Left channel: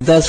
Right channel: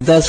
10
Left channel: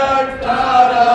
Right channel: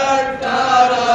18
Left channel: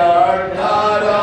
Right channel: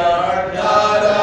18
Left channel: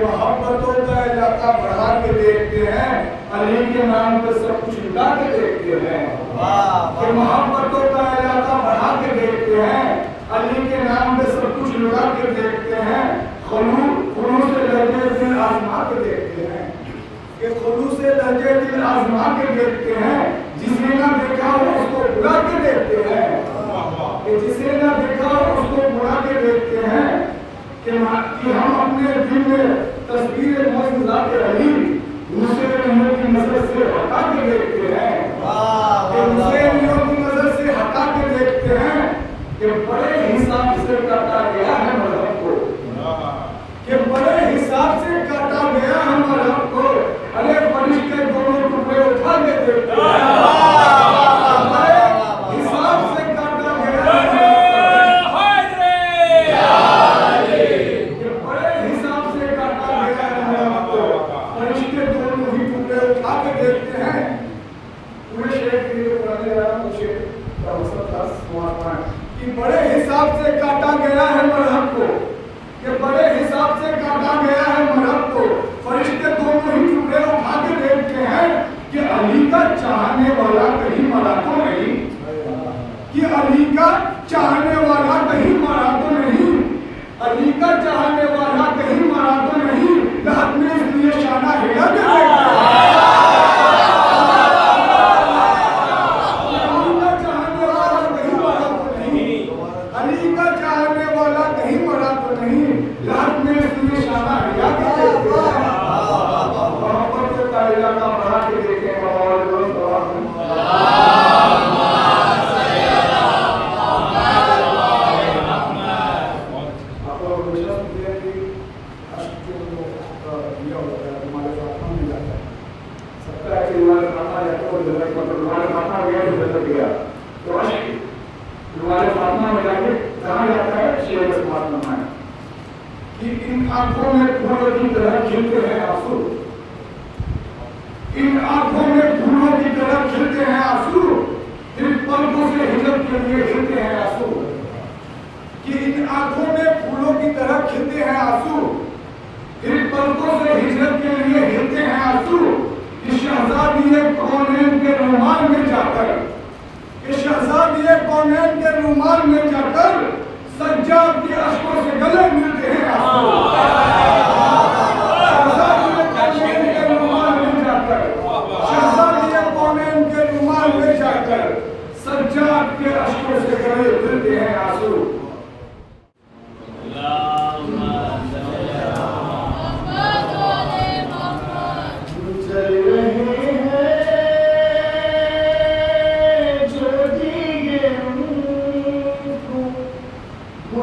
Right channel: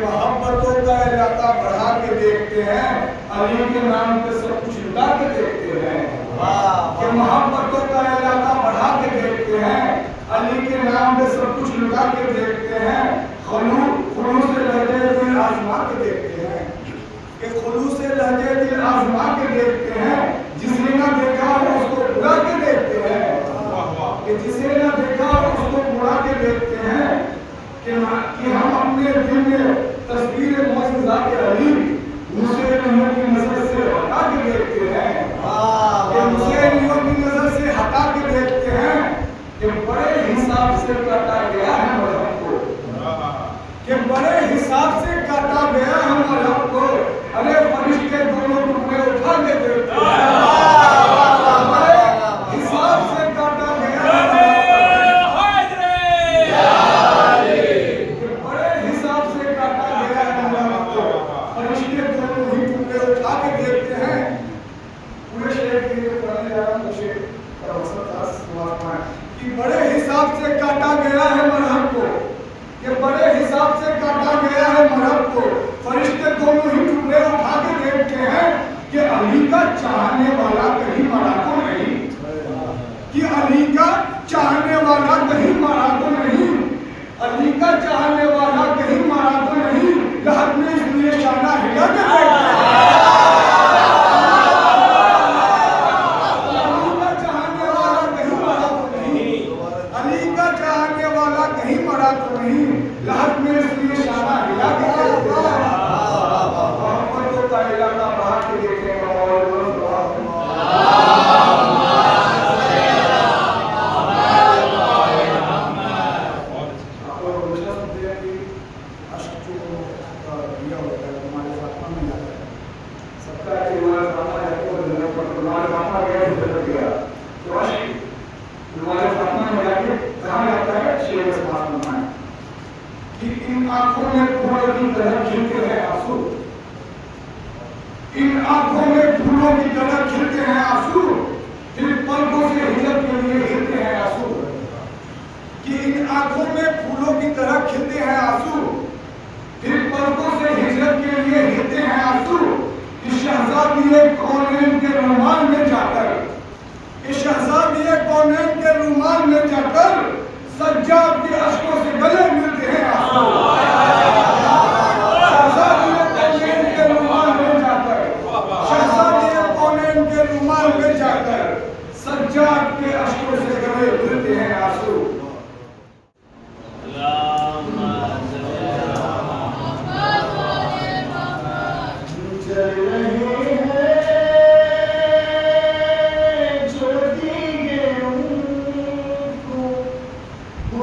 محبتوں کا علاقہ بڑھا کے دیکھتے ہیں علی کے نام پہ سب کچھ لٹا کے دیکھتے ہیں کہ محبتوں کا علاقہ بڑھا کے دیکھتے ہیں علی کے نام پہ سب کچھ لٹا کے دیکھتے ہیں خلوص لہجے دل آزما کے دیکھتے ہیں کہ خلوص لہجے دل آزما کے دیکھتے ہیں جسے نہ دیکھا ہو اس کو بلا کے دیکھتے ہیں کہ جسے نہ دیکھا ہو اس کو بلا کے دیکھتے ہیں کہ ہم اپنے دل میں تصویر معجزات علی حسینیوں کی نظر سے ہٹا کے دیکھتے ہیں کہ حسینیوں کی نظر سے ہٹا کے دیکھتے ہیں کہ بڑے حساب سے کاٹا گیا ہے مذہب کو کہ بڑے حساب سے کاٹا گیا ہے مذہب کو ارے فرشتے دونوں ٹکڑے اٹھا کے دیکھتے ہیں بڑے حساب سے کاٹا گیا ہے کہ بڑے حساب سے کاٹا گیا ہے مرہم کو کہ بڑے حساب سے کاٹا گیا ہے مرہم کو فرشتے دونوں ہی ٹکڑے اٹھا کے دیکھتے ہیں کہ علی کا چاہنے والا کہیں مرا تو نہیں کہ علی کا چاہنے والا کہیں مرا تو نہیں علی کا چاہنے والا کہیں مرا تو نہیں لہت میں اس لیے شانہ ہلا کے دیکھتے ہیں علی کا چاہنے والا کہیں مرا تو نہیں لہت میں اس لیے شانہ ہلا کے دیکھتے ہیں محبتوں کا علاقہ بڑھا کے دیکھتے ہیں اور ان آنکھوں میں پھولوں کی طرح کھلتے ہیں آنسو ان آنکھوں میں پھولوں کی طرح کھلتے ہیں آنسو پھر پلکوں سے ہجرت کے لیے ہلتے ہیں آنسو کہ ان آنکھوں میں پھولوں کی طرح کھلتے ہیں آنسو پھر پلکوں سے ہجرت کے لیے ہلتے ہیں آنسو کہ شہزادی کونین کے رومال میں جا کر کہ شہزادی کونین کے رومال میں جا کر سجاد کے اشکوں سے گلے ملتے ہیں شہزادی کونین کے رومال میں جا کر شہزادی کونین کے رومال میں جا کر سجاد کے اشکوں سے گلے ملتے ہیں آنسو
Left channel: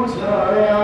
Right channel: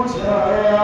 چھایا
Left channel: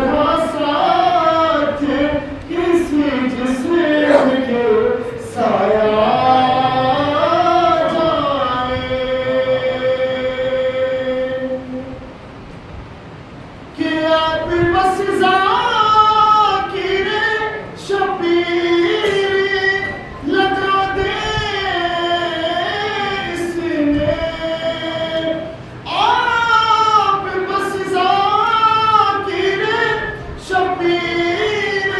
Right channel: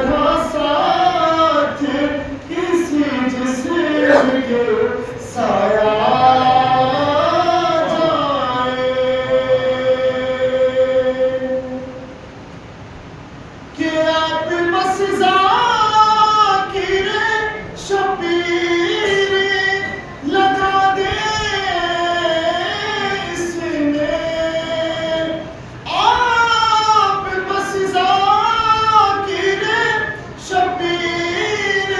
طرح ساتھ کسی جسم کے سایہ جائے کہ آپ بس ذاکر شبیر لگا دیں اس میں، آپ بس ذاکر شبیر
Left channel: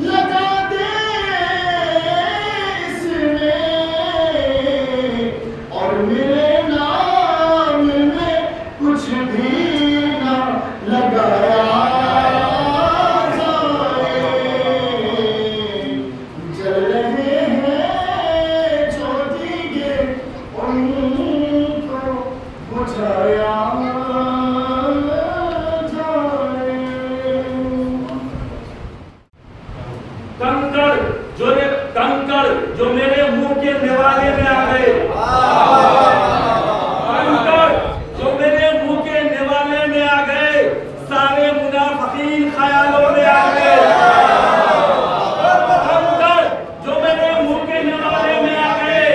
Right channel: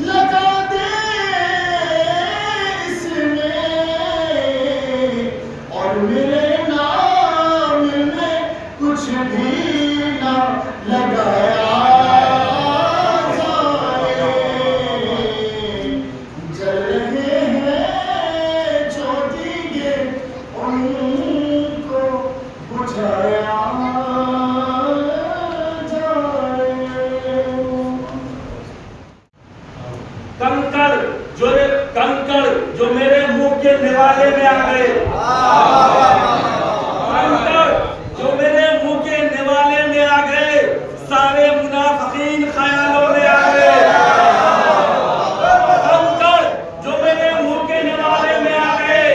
لگا دیں اس میں، اور میرے نام میں کچھ بھی نہ لگایا کنکڑ جو میرے منہ کے نوالے میں آ گئے، کنکڑ جو میرے منہ کے نوالے میں آ گئے، سارے منافقین خیالوں میں آ گئے، کنکڑ جو میرے منہ کے نوالے میں آ گئے،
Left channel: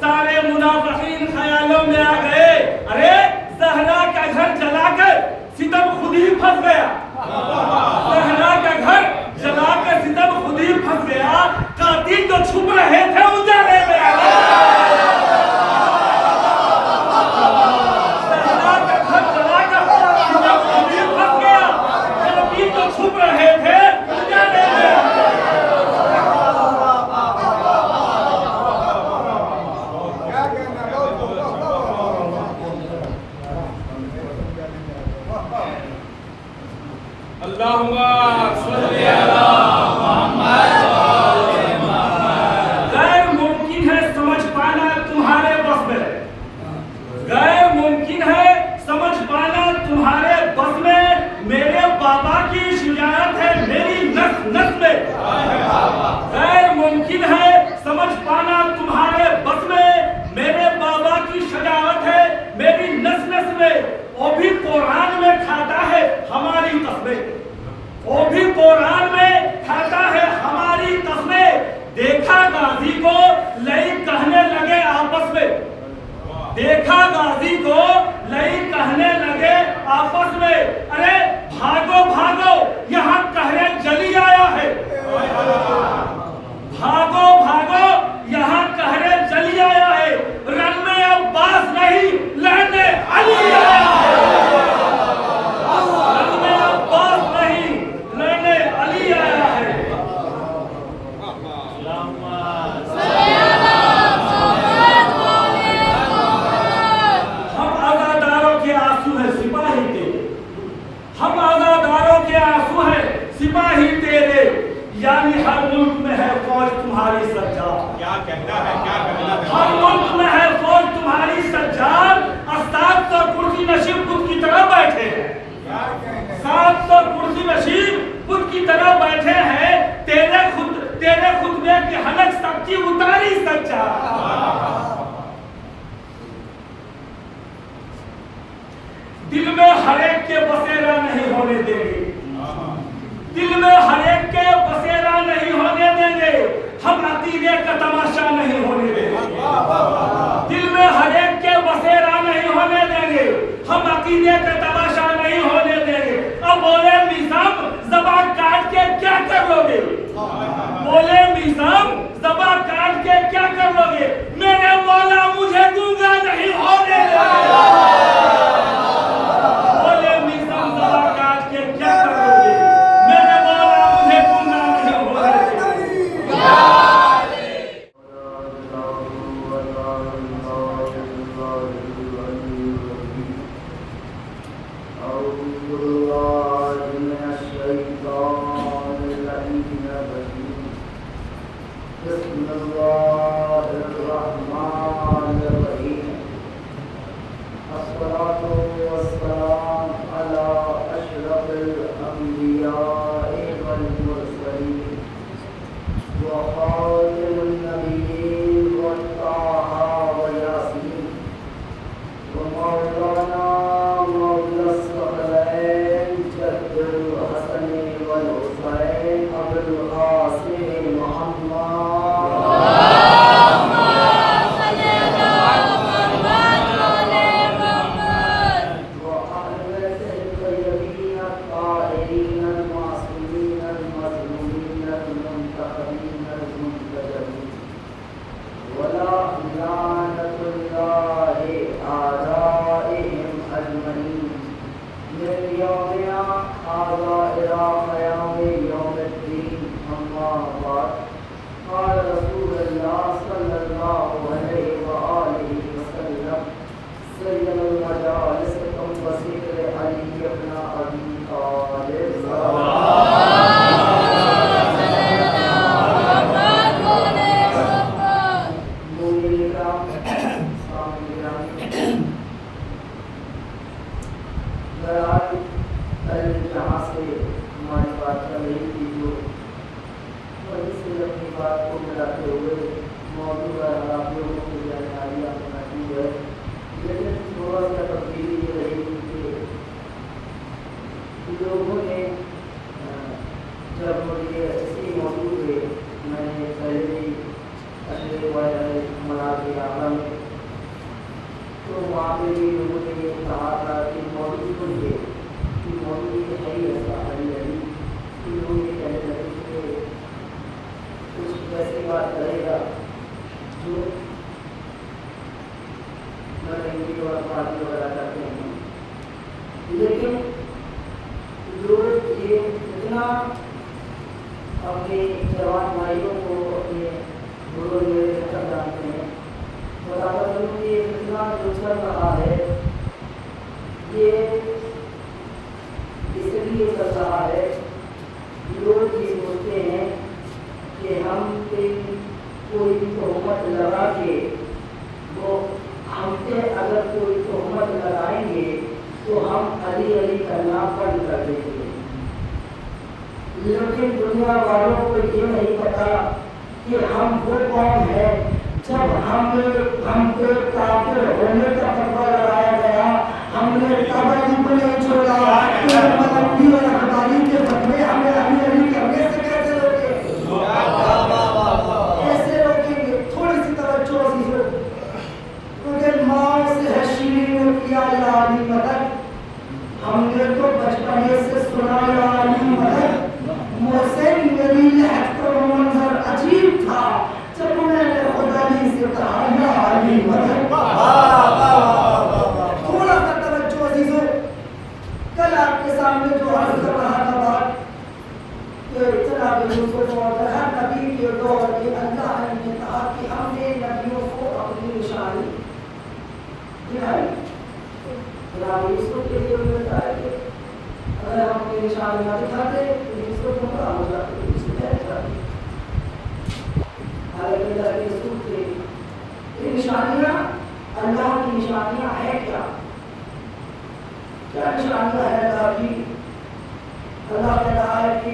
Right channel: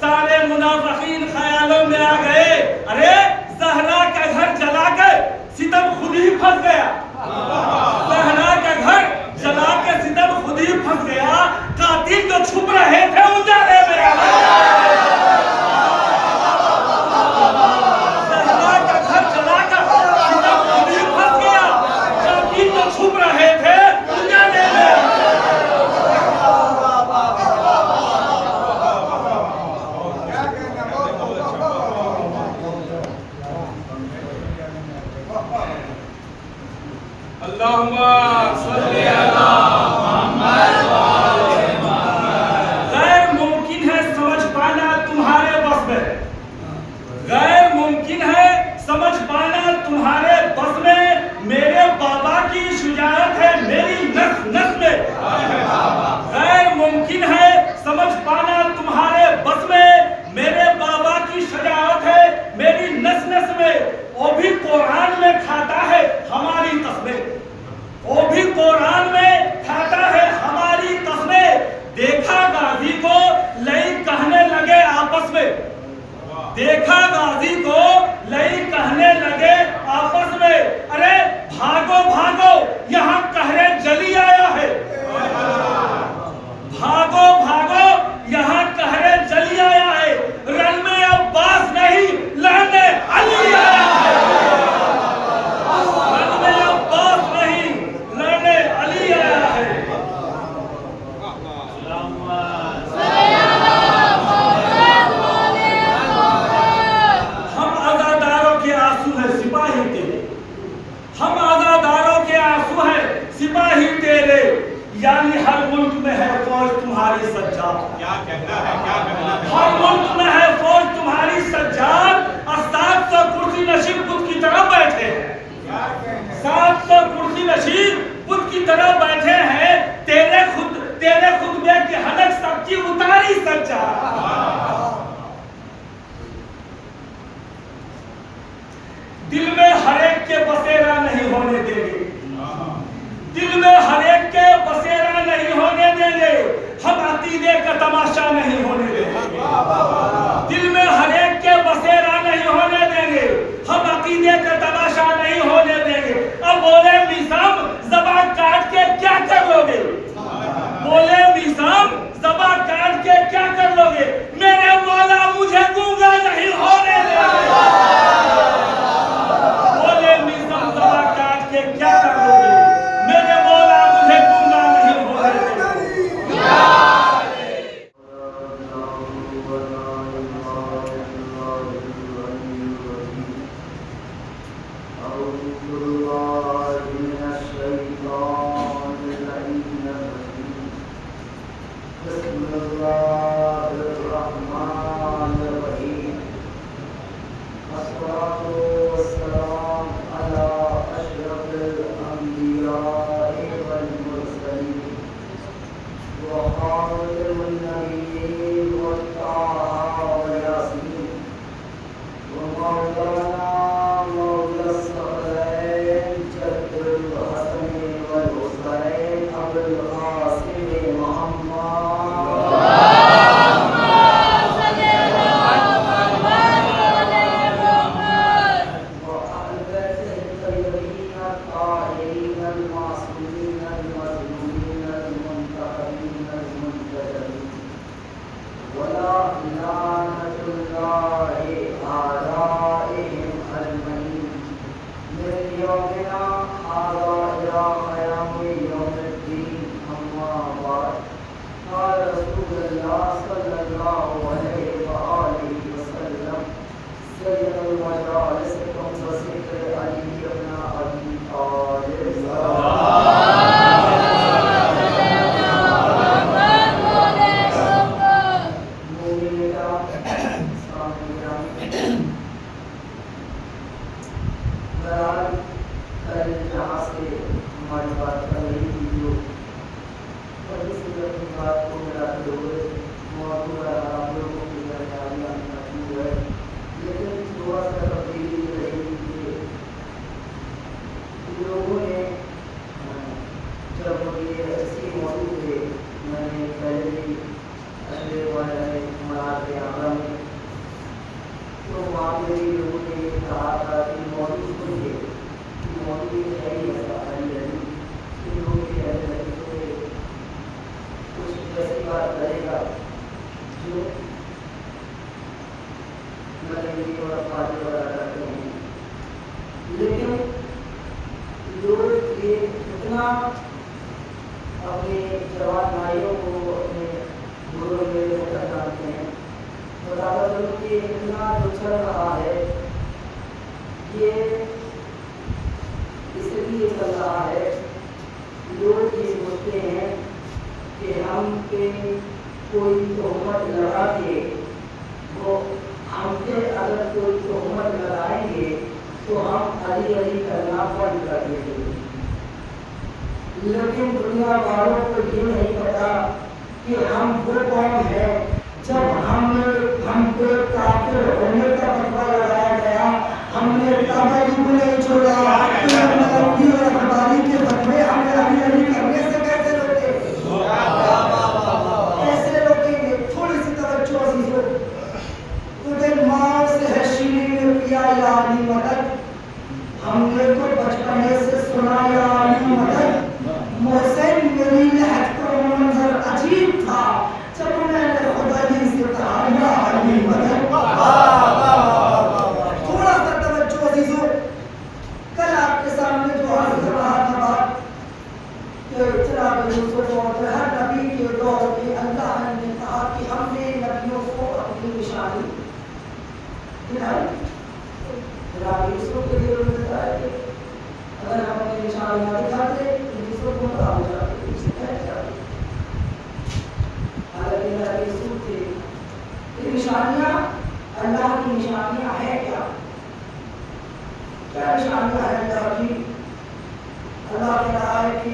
سارے منافقین خیالوں میں آ گئے۔ ارے زہرا کا گھر جلا کر ستم خود ہی پھنس گیا، زہرا کا گھر جلا کے ستم خود ہی پھنس گیا، قاتل جو چھپ رہے تھے اجالے میں آ گئے، زہرا کا گھر جلا کر ستم خود ہی پھنس گیا، قاتل جو چھپ رہے تھے اجالے میں آ گئے۔ اللہم صلی اللہ غیر ممکن ہے سمجھ پانا تمہارے بس میں، غیر ممکن ہے سمجھ پانا تمہارے بس میں، میرے بابا کی شجاعت ہے میری نس نس میں، غیر ممکن ہے سمجھ پانا تمہارے بس میں، میرے بابا کی شجاعت ہے میری نس نس میں، وہ بھی قرآن میں کھاتا ہے ہماری قسمیں، وہ بھی قرآن میں کھاتا ہے ہماری قسمیں، دیکھا غازی کو لئی کہنے لگے آپس میں، دیکھا غازی کو لئی کہنے لگے آپس میں، ارے بھاگو بھاگو یہاں قہر جلی آیا ہے، بھاگو بھاگو یہاں قہر جلی آیا ہے، رن میں عباس نہیں لہنے علی آیا ہے، رن میں عباس نہیں لہنے علی آیا ہے۔ ہم عزاداروں کے آنسو ہیں سپاہی تیرے، ہم عزاداروں کے آنسو ہیں سپاہی تیرے، یعنی ہر ملک میں ہے فوج تمہاری سجاد، کیا کہنا ہے، کیا کہنا ہے، ہر ملک میں ہے فوج تمہاری سجاد، اور 700 کرسی نشین بت کی طرح بیٹھے ہیں، 700 کرسی نشین بت کی طرح بیٹھے ہیں، تیرے خطبے کی حلق سب کی اتاری سجاد، دل میں ہر ایک کے بسیرا نہیں ہونے دیں گے، دل میں ہر ایک کے بسیرا نہیں ہونے دیں گے، ہم عقیدے کا تماشا نہیں ہونے دیں گے، دل میں ہر ایک کے بسیرا نہیں ہونے دیں گے، ہم عقیدے کا تماشا نہیں ہونے دیں گے۔ اب بولے میثم زبان کاٹ کے کیا کر لو گے، بولے میثم زبان کاٹ کے کیا کر لو گے، میرے مولا مجھے گونگا نہیں ہونے دیں گے، بولے میثم زبان کاٹ کے کیا کر لو گے، میرے مولا مجھے گونگا نہیں ہونے دیں گے۔ اپنے جوان بھائیوں کو اپنے بزرگ میرے خطر ڈالتے ہیں. بتاتا کہ اتنا جو چل رہا ہے یہ اس لیے چل رہا ہے لوگ یہ سوچتے ہیں کہ ہم پہ کوئی تہمت لگا کے وہ ہم پہ اگر کوئی تہمت لگائیں گے تو ہم علی علی کرنا بند کر دیں گے. لیکن دنیا والوں کو یہ نہیں پتا کہ ہم وہ قوم ہے جب ہم پہ کافر ہونے کا فتویٰ لگایا گیا ہم نے تابعی کو نہیں چھوڑا تو ملکی اور اخباری کے فتوے ہمیں علی علی کرنے سے کیسے روکے کیسے روکیں گے. تھوڑی سی توجہ عزیزو کیونکہ ماں سے ہے شیرین نے کیا یا علی مدد ہم نے تو بچپنے سے سنا یا علی مدد. محسن میری لہت کو منظر عجیب تھا جب میں نے خدا ہی سے کہا یا علی مدد. تھوڑا سا توجہ عزیزو کل آپ کے سامنے جو عرض کر رہا تھا بات کہ جناب یوسف اور ہر نبی کے دور میں اللہ نے کہا کہ ہم نے نبیوں کو اپنی نشانی دلائی. جناب یوسف کے لیے ملتا ہے کہ اگر ہم اپنی نشانی نہ دکھاتے تو یوسف کو پتا ہو جاتا کہ اس میں کیا ہے. حالانکہ اللہ کے رسول تھے یہ نشانیاں اللہ کی نشانیاں ہیں کیا نشانیاں ہیں اللہ کی. اللہ نے کہا ہے کہ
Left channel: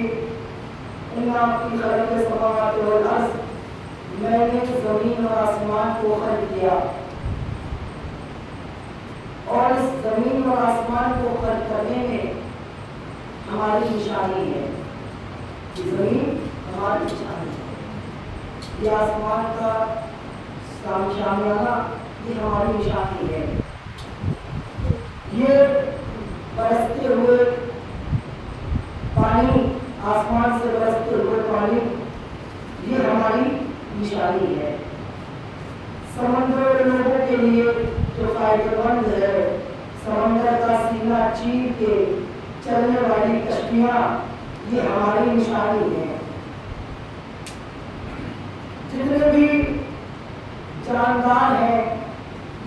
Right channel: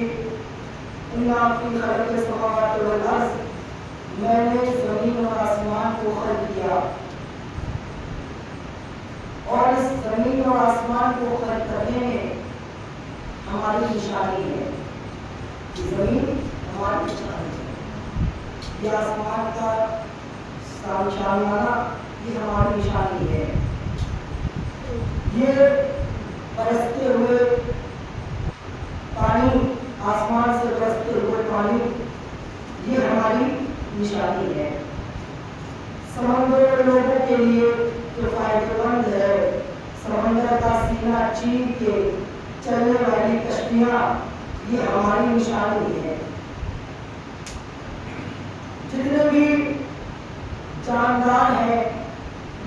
اِنَّا فِي خَلْقِ السَّمَاوَاتِ وَالْأَرْضِ میں نے زمین اور آسمان کو خلق کیا اور اس زمین اور آسمان کو خلق کرنے میں ہماری نشانی ہے. زمین ہماری نشانی ہے یہ آسمان کا شامیانہ یہ ہماری نشانی ہے. یہ برستے ہوئے پانی آسمان سے برستے ہوئے پانی یہ ہماری نشانی ہے. سمندر لوگوں کے لیے جو فائدہ مند ہے سمندر کا سینہ چیر کے چلنے والی کشتیاں یہ ہماری نشانی ہے. جتنے بھی جاندار ہیں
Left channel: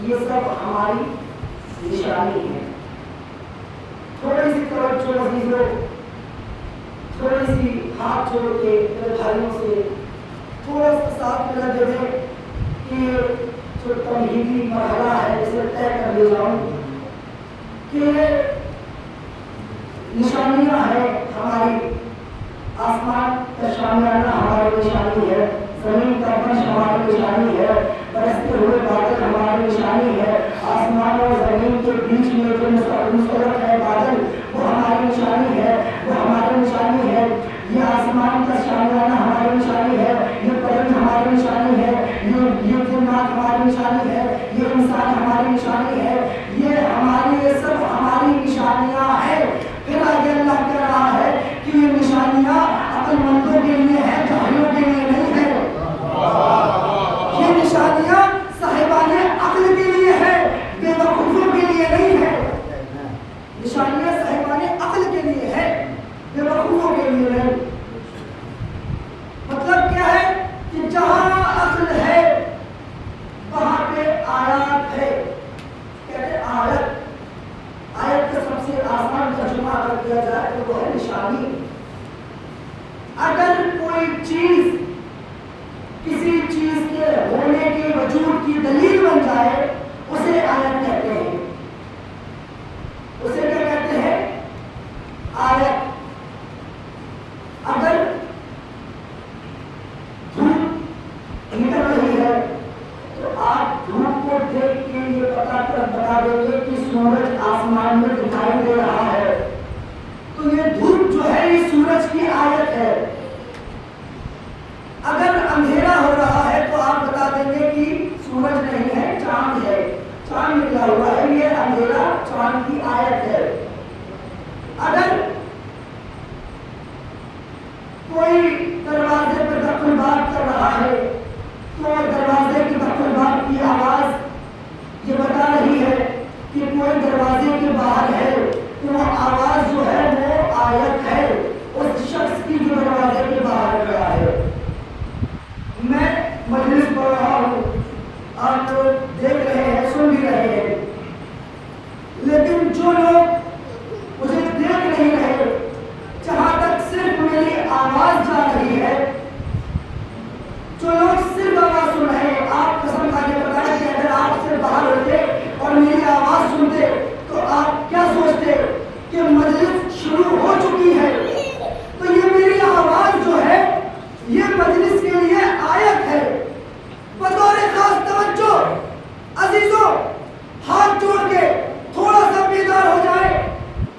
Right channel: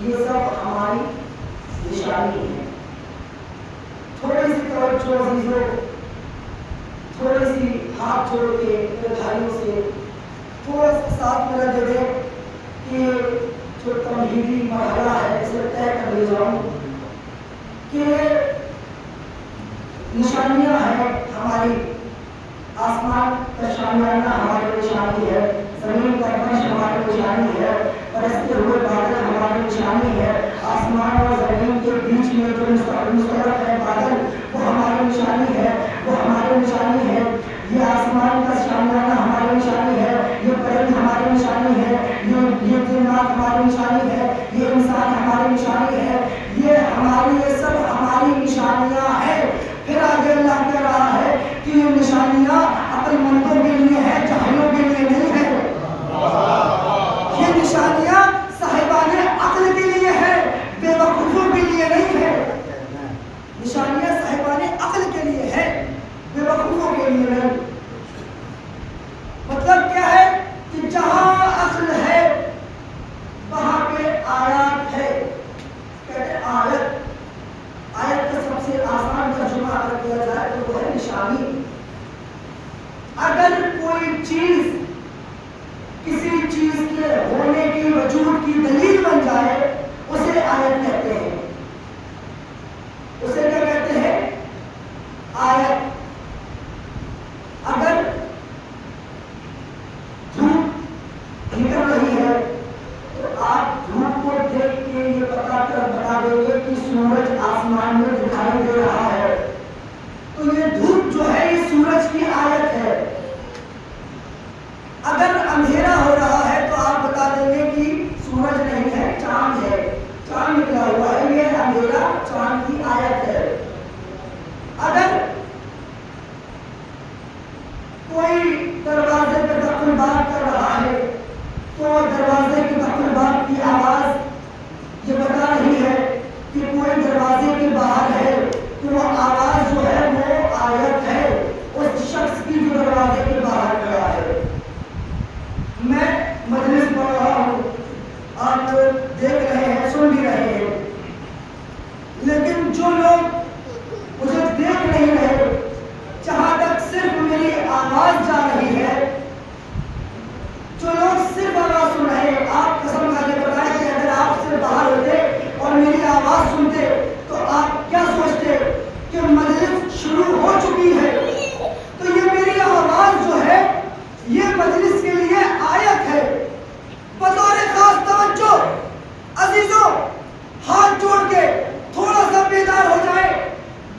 یہ سب ہماری نشانی ہے. تھوڑی سی توجہ عزیزو تھوڑی سی ہاتھ جوڑ کے میرے بھائیوں سے تھوڑا سا ساتھ میں لگے دیں کہ جو تمہیدی مرحلہ ہے اسے طے کر لے جاؤں کہ نشانیاں ہیں ہماری. آسمان کا شامیانہ ہماری نشانی ہے. زمین کا فرش ہماری نشانی ہے. برستے ہوئے بادل ہماری نشانی ہے. آسمان اور زمین کے بیچ میں جو مشترک ہے بادل وہ ہماری نشانی ہے. وہ ہماری نشانی ہے. یہ آسمان کا شامیانہ ہماری نشانی ہے. یہ پرند ہماری نشانی ہے. یہ جنات ہماری نشانی ہے. یہ انسان ہماری نشانی ہے. یہ سب ہماری نشانیاں ہیں. پھر آگے اللہ کہہ رہا ہے کہ یہ نشانیاں عقل مندوں کے لیے ہیں جاہلوں کے لیے نہیں ہیں. یہ نشانیاں صاحبان عقل کے لیے ہیں بے وقوفوں کے لیے نہیں ہے. نشانیاں صاحبان عقل کے لیے ہیں بے وقوفوں کے لیے نہیں. مطلب کیا ہے کہ جہاں عقل ہے وہاں پہ آیات ہے. کہتے ہیں آیت کا سب سے آسان ترجمہ اگر کیا جائے تو وہ ہے نشانی. اگر کوئی چیز کسی چیز کے ہونے کی وجود کی دلیل بن جائے اسے آیت کہتے ہیں. اسے کیا کہتے ہیں؟ آیت. اگر دھوپ نکل رہی ہے تو آپ دھوپ کو دیکھ کے یہ بتا دیں گے کہ سورج آسمان میں دکھائی دے رہا ہے. تو یہ دھوپ جو ہے یہ سورج کی آیت ہے. اگر اندھیرا ہو رہا ہے تو آپ بتا دیں گے کہ سورج نہیں ہے چاند ہے. چاند نکلا ہوا ہے یہ اندھیرا چاند کی آیت ہے. اگر کوئی دروازے پہ دخل بات کر رہا ہے تو دروازے کی دخل بات کی آواز یہ بتا رہی ہے کہ کوئی دروازے کے باہر ہے تو وہ آواز جو ہے وہ آیت ہے. اس آواز جا رہی ہے، جو لوگ صرف آواز سن رہے ہیں، آپ قسم کھا کے بتائیں کہ اگر آپ سے باہر ہوتے اور میری آواز سنتے تو آپ کیا سوچتے کہ مجلس شروع ہو چکی ہے؟ تو یہ میری آواز جو ہے یہ مجلس کے لیے آیت ہے۔ بطور خاص توجہ عزیزوں، ہاتھ جوڑ کے تھوڑا سا بیدار ہو جائے،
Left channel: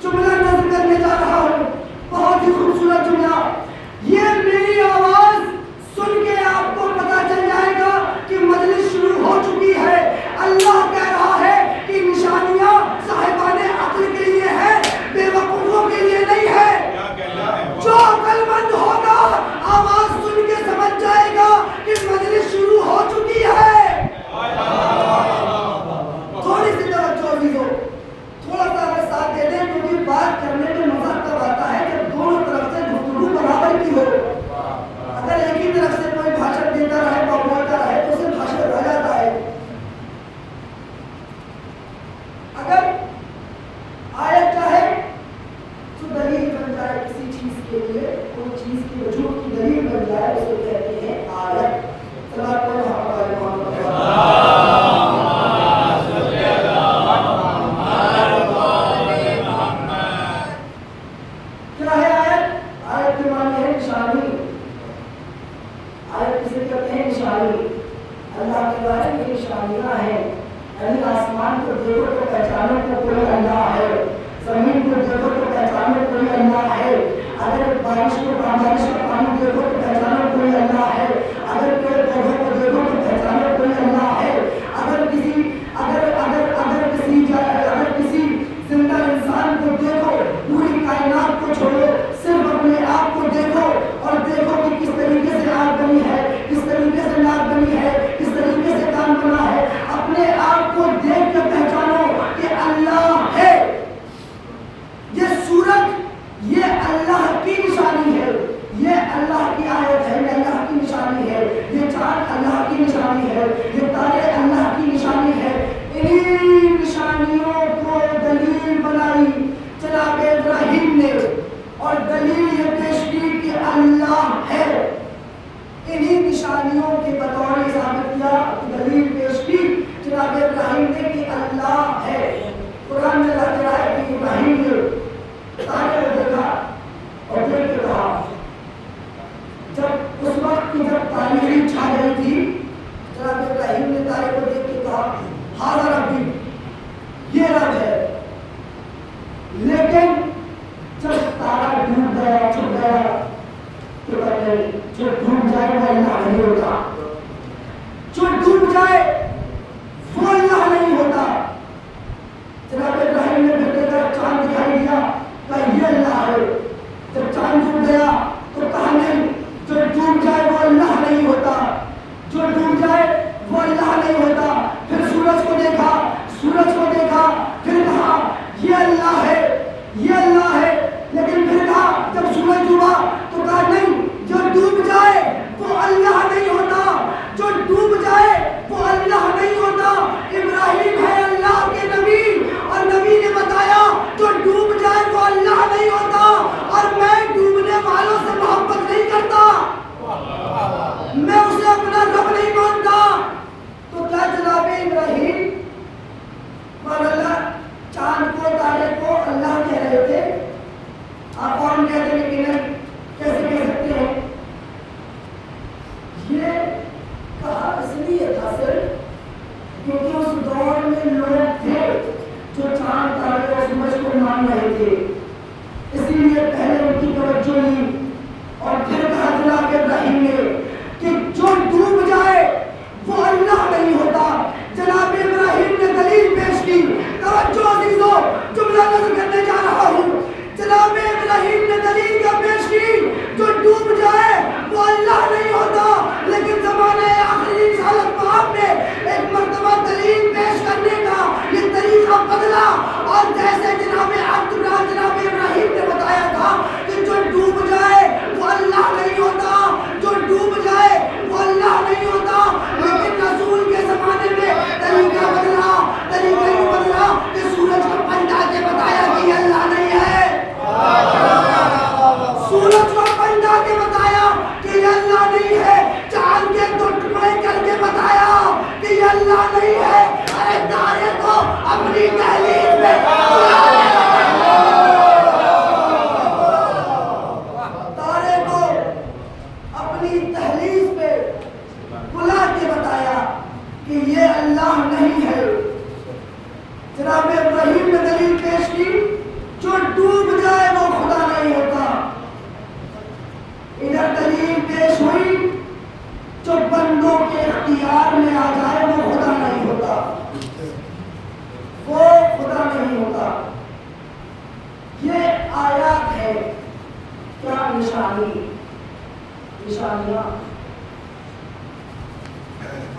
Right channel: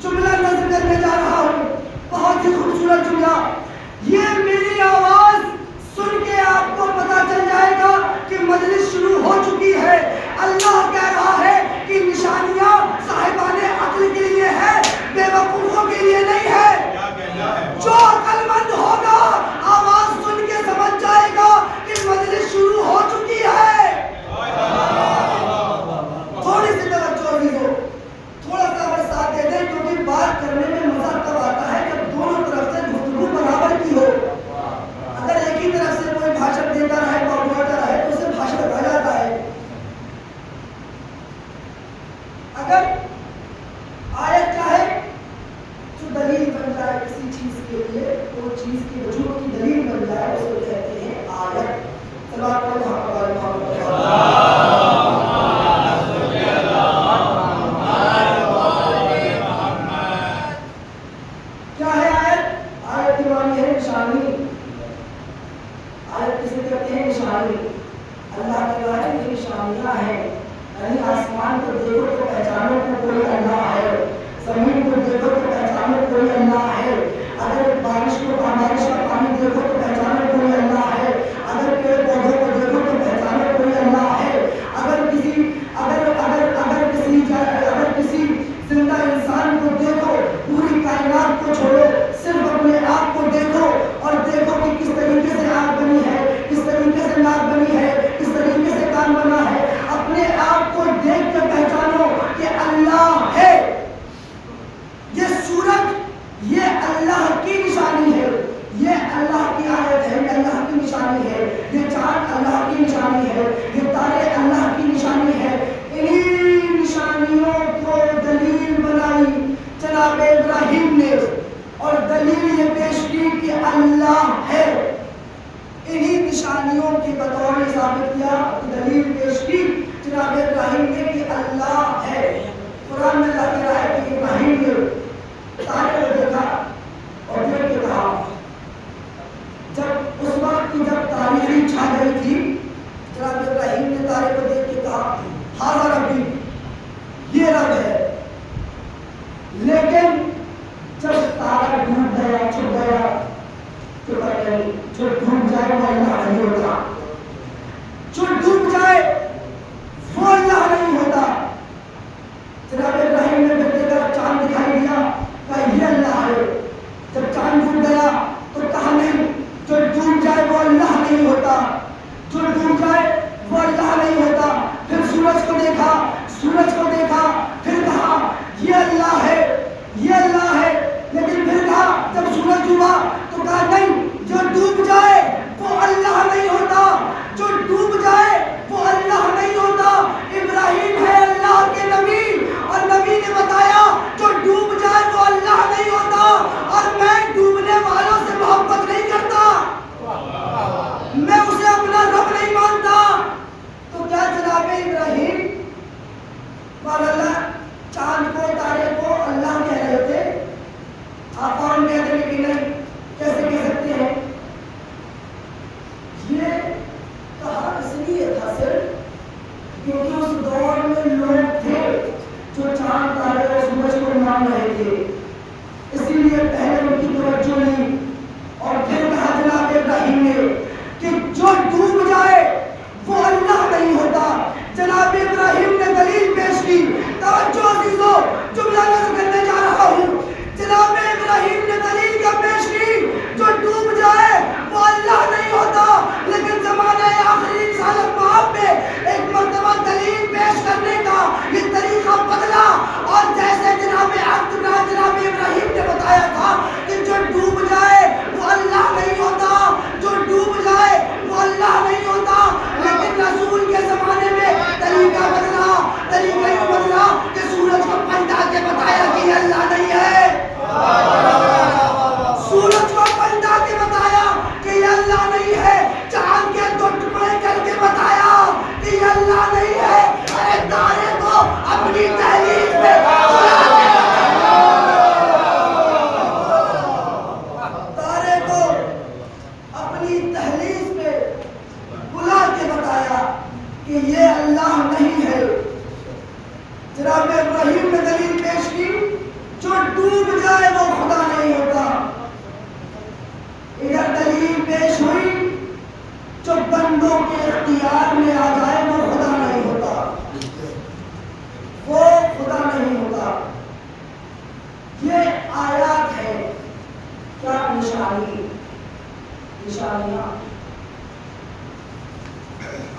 جملہ نظر کرنے جا رہا ہوں، بہت ہی خوبصورت جملہ۔ یہ میری آواز سن کے آپ کو پتا چل جائے گا کہ مجلس شروع ہو چکی ہے۔ اللہ کہہ رہا ہے کہ نشانیاں صاحبان عقل کے لیے ہے، بے وقوفوں کے لیے نہیں ہے۔ جو عقل مند ہوگا آواز سن کے سمجھ جائے گا کہ مجلس شروع ہو چکی ہے۔ تھوڑی سی توجہ عزیزوں، تھوڑا سا اگر ساتھ دے دیں، کیونکہ بات کرنے میں مزہ تب آتا ہے جب دونوں طرف سے گفتگو برابر کی ہو۔ اگر ایک ہی طرف سے کوئی بھاشن دیتا رہے، بولتا رہے تو اسے بھاشن رہ جاتا ہے۔ اگر آیت کیا ہے جو دلیل بن جائے کسی چیز کے لیے، کوئی چیز کی وجود کی دلیل بن جائے، اس کو کہتے ہیں آیت۔ سماعت کرو ہمارے محمد کیا ہے آیت؟ آیت کے معنی ہے نشانی۔ آیت کسی کہتے ہیں نشانی، اللہ کی ذات کی نشانیاں ہیں، یعنی آسمان کو دیکھو تو پہچانو کہ کوئی اللہ ہے، زمین کو دیکھو تو پہچانو کوئی اللہ ہے، اگر بارش کا پانی دیکھو تو پہچانو کوئی اللہ ہے، اگر پیڑ پودوں کو دیکھو تو پہچانو کوئی اللہ ہے، اگر کسی زندہ انسان کو دیکھو، پوری کائنات کو چھوڑو، صرف اپنے آپ کو دیکھو اور دیکھو کہ کس طریقے سے آنکھ بنی ہے، کس طریقے سے ناک بنی ہے، کس طریقے سے کان بنا ہے، اپنے آپ کو دیکھ کے پہچانو کہ اللہ ہے۔ یہ سورج یہ اللہ کی نشانی ہے، یہ اللہ کی آیت ہے، یہ اللہ کی نشانی ہے، یہ چاند اللہ کی نشانی ہے، یہ تارے اللہ کی نشانی ہے۔ انہی نشانیوں کو دلیل بنائی جناب ابراہیم نے اور دلیل یہ پیش کی کہ اللہ ہے۔ انہی نشانیوں کی بطور ثابت کیا، دلیل پیش کی جناب ابراہیم نے کہ اللہ ہے۔ قرآن میں اللہ کہہ رہا ہے کہ ابراہیم نے تارے کو دیکھا اور دیکھ کے کہا، جب اس وقت کی جب تاریخی چھا گئی تھی، جناب ابراہیم نے تارے کو دیکھ کے کہا ہاذا ربی، یہ رب ہے۔ لیکن جب تارا ڈوب گیا، چھپ گیا، تو کہتے ہیں جو ڈوب جائے وہ اللہ نہیں ہوتا، جو ڈوب جائے وہ اللہ نہیں ہوتا۔ جناب ابراہیم نے پھر دیکھا چاند دکھائی دیا، کہا یہ اللہ ہے۔ جب چاند ڈوب گیا تو کہا نہیں، جو ڈوب جائے وہ اللہ نہیں ہوتا، جو ڈوب جائے وہ اللہ نہیں ہوتا۔ پھر سورج کو دیکھا، پھر کہا یہ اللہ ہے، یہ اللہ ہے۔ لیکن پھر کہا جب سورج ڈوبا تو کہا نہیں، جو ڈوب جائے کے بتایا کہ یہ اللہ نہیں ہے، چاند کے 2 ٹکڑے کر کے بتایا کہ یہ اللہ نہیں ہے، ارے تارے کو اپنی دہلیز میں بلا کے بتایا، تارے کو اپنی دہلیز پہ بلا کے بتایا کہ یہ اللہ نہیں ہے۔ جناب ابراہیم نے دلیل پیش کی، جو ڈوب جائے وہ خدا نہیں ہوتا۔ ادھر دلیل پیش ہوئی، جو بندوں کے اختیار میں آ جائے وہ خدا نہیں ہوتا، وہ خدا نہیں ہوتا۔ یہ آیات ہے، کیا نشانی، نشانیاں۔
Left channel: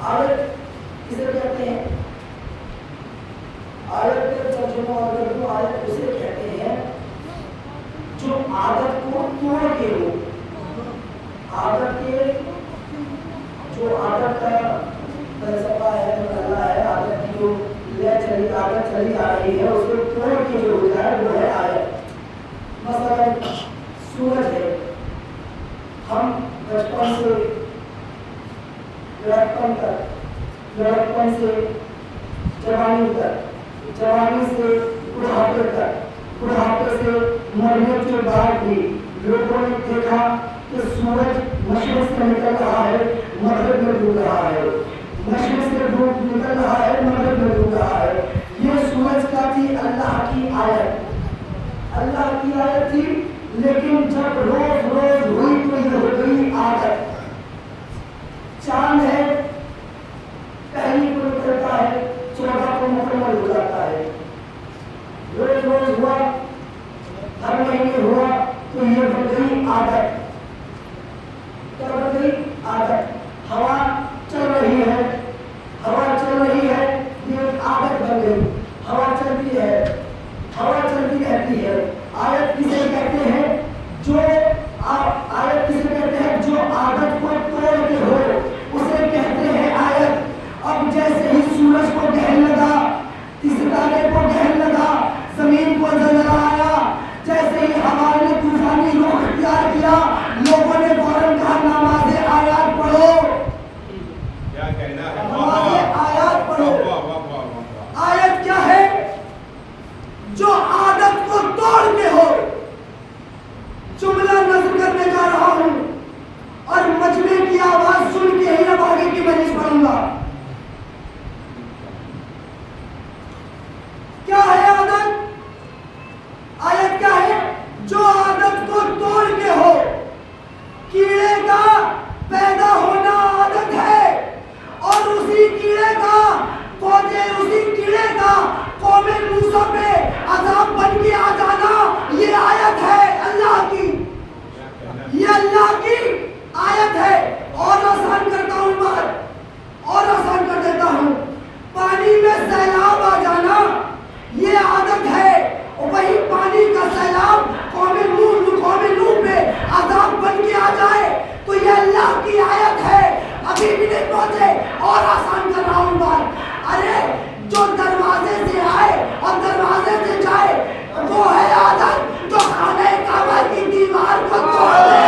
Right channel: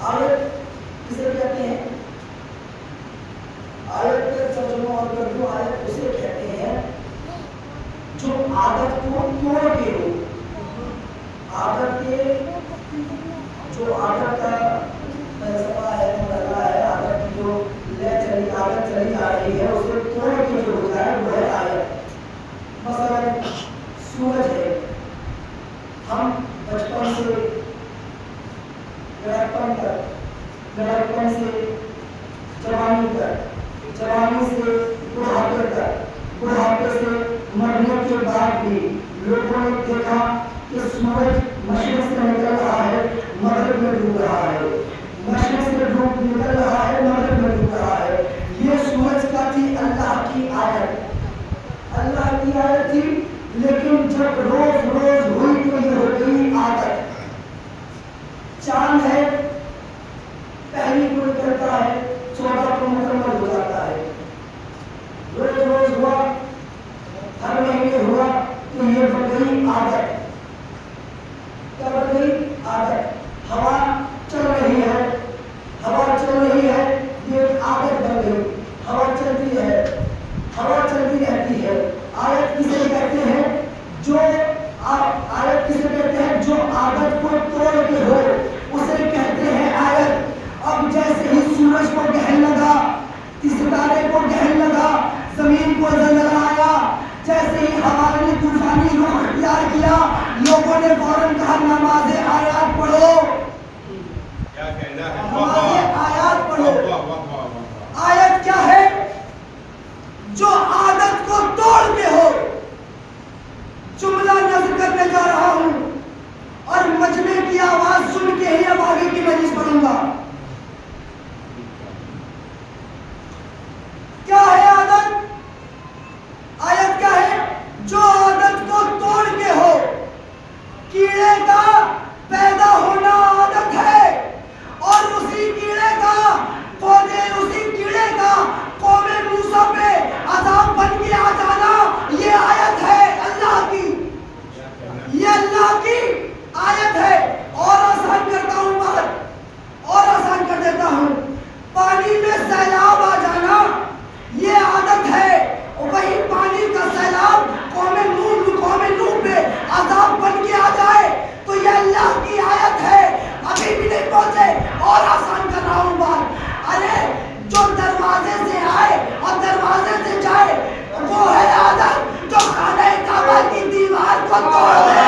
آیت کسے کہتے ہیں؟ آیت کا ترجمہ اور اردو آیت اسے کہتے ہیں جو عادت کو توڑ کے ہو، عادت کے، جو عادت کا فلسفہ ہے، مطلب ہے عادت کی جو عادت چلی آ رہی ہے اسے توڑ کے جو ہو جائے وہ ہے آیت۔ مثلا سورج ہے، ہم بچپن سے لڑکپن تک، لڑکپن سے جوانی تک، جوانی سے بڑھاپے تک، بڑھاپے سے مرنے کے بعد بھی لوگوں نے دیکھا کہ سورج مشرق سے نکل رہا ہے، مغرب میں ڈوب رہا ہے، مشرق سے نکل رہا ہے، مغرب میں ڈوب رہا ہے۔ یہ سورج کا تھی اللہ کی آیت، اللہ کی آیت تھی، لیکن جب روز روز ہوئی تو یہ ہو گئی عادت۔ چاند ہے، پہلی کو نکلتا ہے، 14 کو مکمل ہو جاتا ہے، روز روز ہوا، ہر مہینے ہوا، تو یہ بن گئی عادت۔ کیا بن گئی؟ عادت۔ ہوا چل رہی ہے، ہوا چل رہی ہے، یہ ایک عادت بن گئی، ہوا چلتی ہے، ہوا چلتی رہتی ہے۔ آیت کسے کہتے ہیں؟ جو آیت کسے کہتے ہیں؟ جو عادت کو توڑ کے ہو اسے کہتے ہیں آیت۔ اب جیسے ہی سورج کو گہن لگا، ستارے کو گہن لگا، زمین کو زلزلہ آیا، جیسے ہی ہوا نے طوفانی رخ اختیار کیا، لوگوں نے فوراً کہا نماز آیات پڑھو، نماز آیات پڑھو۔ آیت کیا ہے؟ جو عادت کو توڑ کے ہو۔ جملہ نظر کرنے جا رہا ہوں اور مجمع کی آواز سن کے ہی اب آگے کی مجلس پڑھوں گا۔ کیا ہے عادت؟ آیت کیا ہے؟ جو عادت کو توڑ کے ہو۔ کیڑے کا پیدا ہونا عادت ہے، اور اسی کیڑے کا اسی کیڑے کا قوم موسیٰ پہ عذاب بن کے آ جانا، یہ آیت ہے اللہ کی، یہ اللہ کی آیت ہے۔ اور آسان کرتا ہوں بات، اور آسان کر دیتا ہوں، پانی میں سیلاب آ جانا یہ عادت ہے، وہی پانی کا سیلاب قوم نوح پہ عذاب بن کے آ جائے تو یہ اللہ کی آیت ہے۔ ابھی بھی نہیں پہنچے، اور آسان کر رہا ہوں بات۔ ارے جو دروازے سے آئے اور دروازے سے جائے وہ ہے عادت، جو خانہ کعبہ کی دیوار کو توڑ دے۔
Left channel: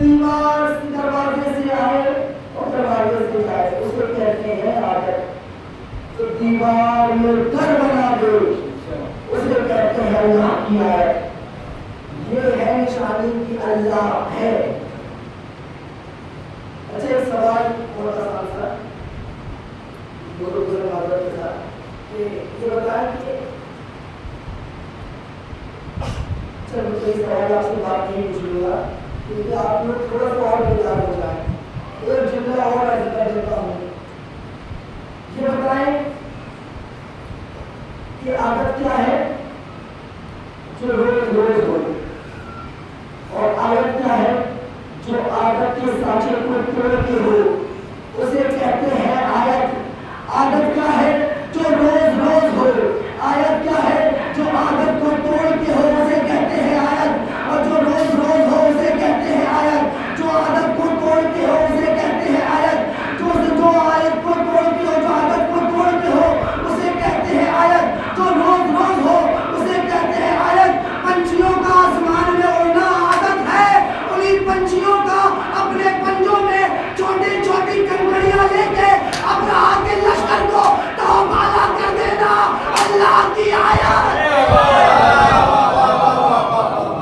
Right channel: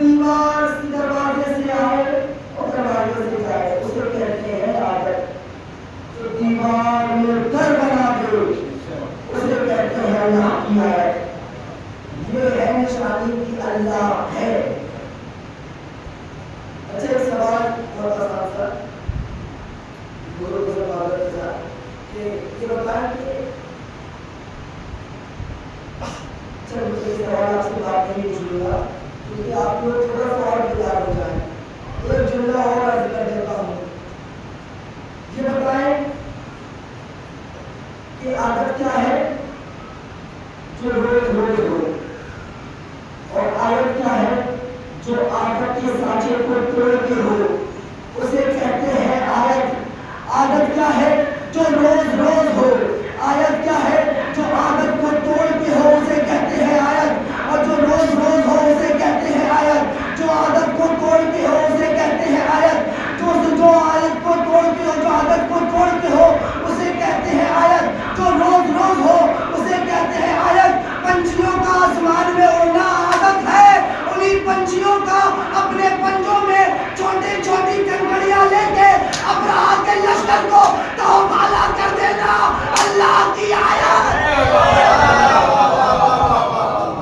دیوار دروازے سے آئے اور دروازے سے جائے اسے کہتے ہیں عادت۔ جو دیوار میں گھر بنا دے اسے کہتے ہیں اللہ کی آیت۔ یہ ہے نشانی کی اللہ ہے۔ اچھا ایک سوال بہت آسان تھا دونوں بابر کے ساتھ کہ یہ بتائیں کہ چلو کوئی سوال آپ سے بات نہیں پوچھوں گا کیونکہ آپ لوگ تھوڑا سا اور بیدار ہو جائیں۔ ایک جملہ اور عرض کر دیتا ہوں، یہ بتائیں کہ عادت کیا ہے؟ جو روز روز ہو، اور آیت کیا ہے؟ جو عادت کے سانچے کو توڑ کے ہو اسے کہتے ہیں آیت۔ عادت کیا ہے؟ جو روز روز ہو۔ آیت کیا ہے؟ جو عادت کو توڑ کے ہو اسے کہتے ہیں آیت، اور جو روز روز ہو اسے حشر کو تو بالا کر دینا اللہ کی آیت،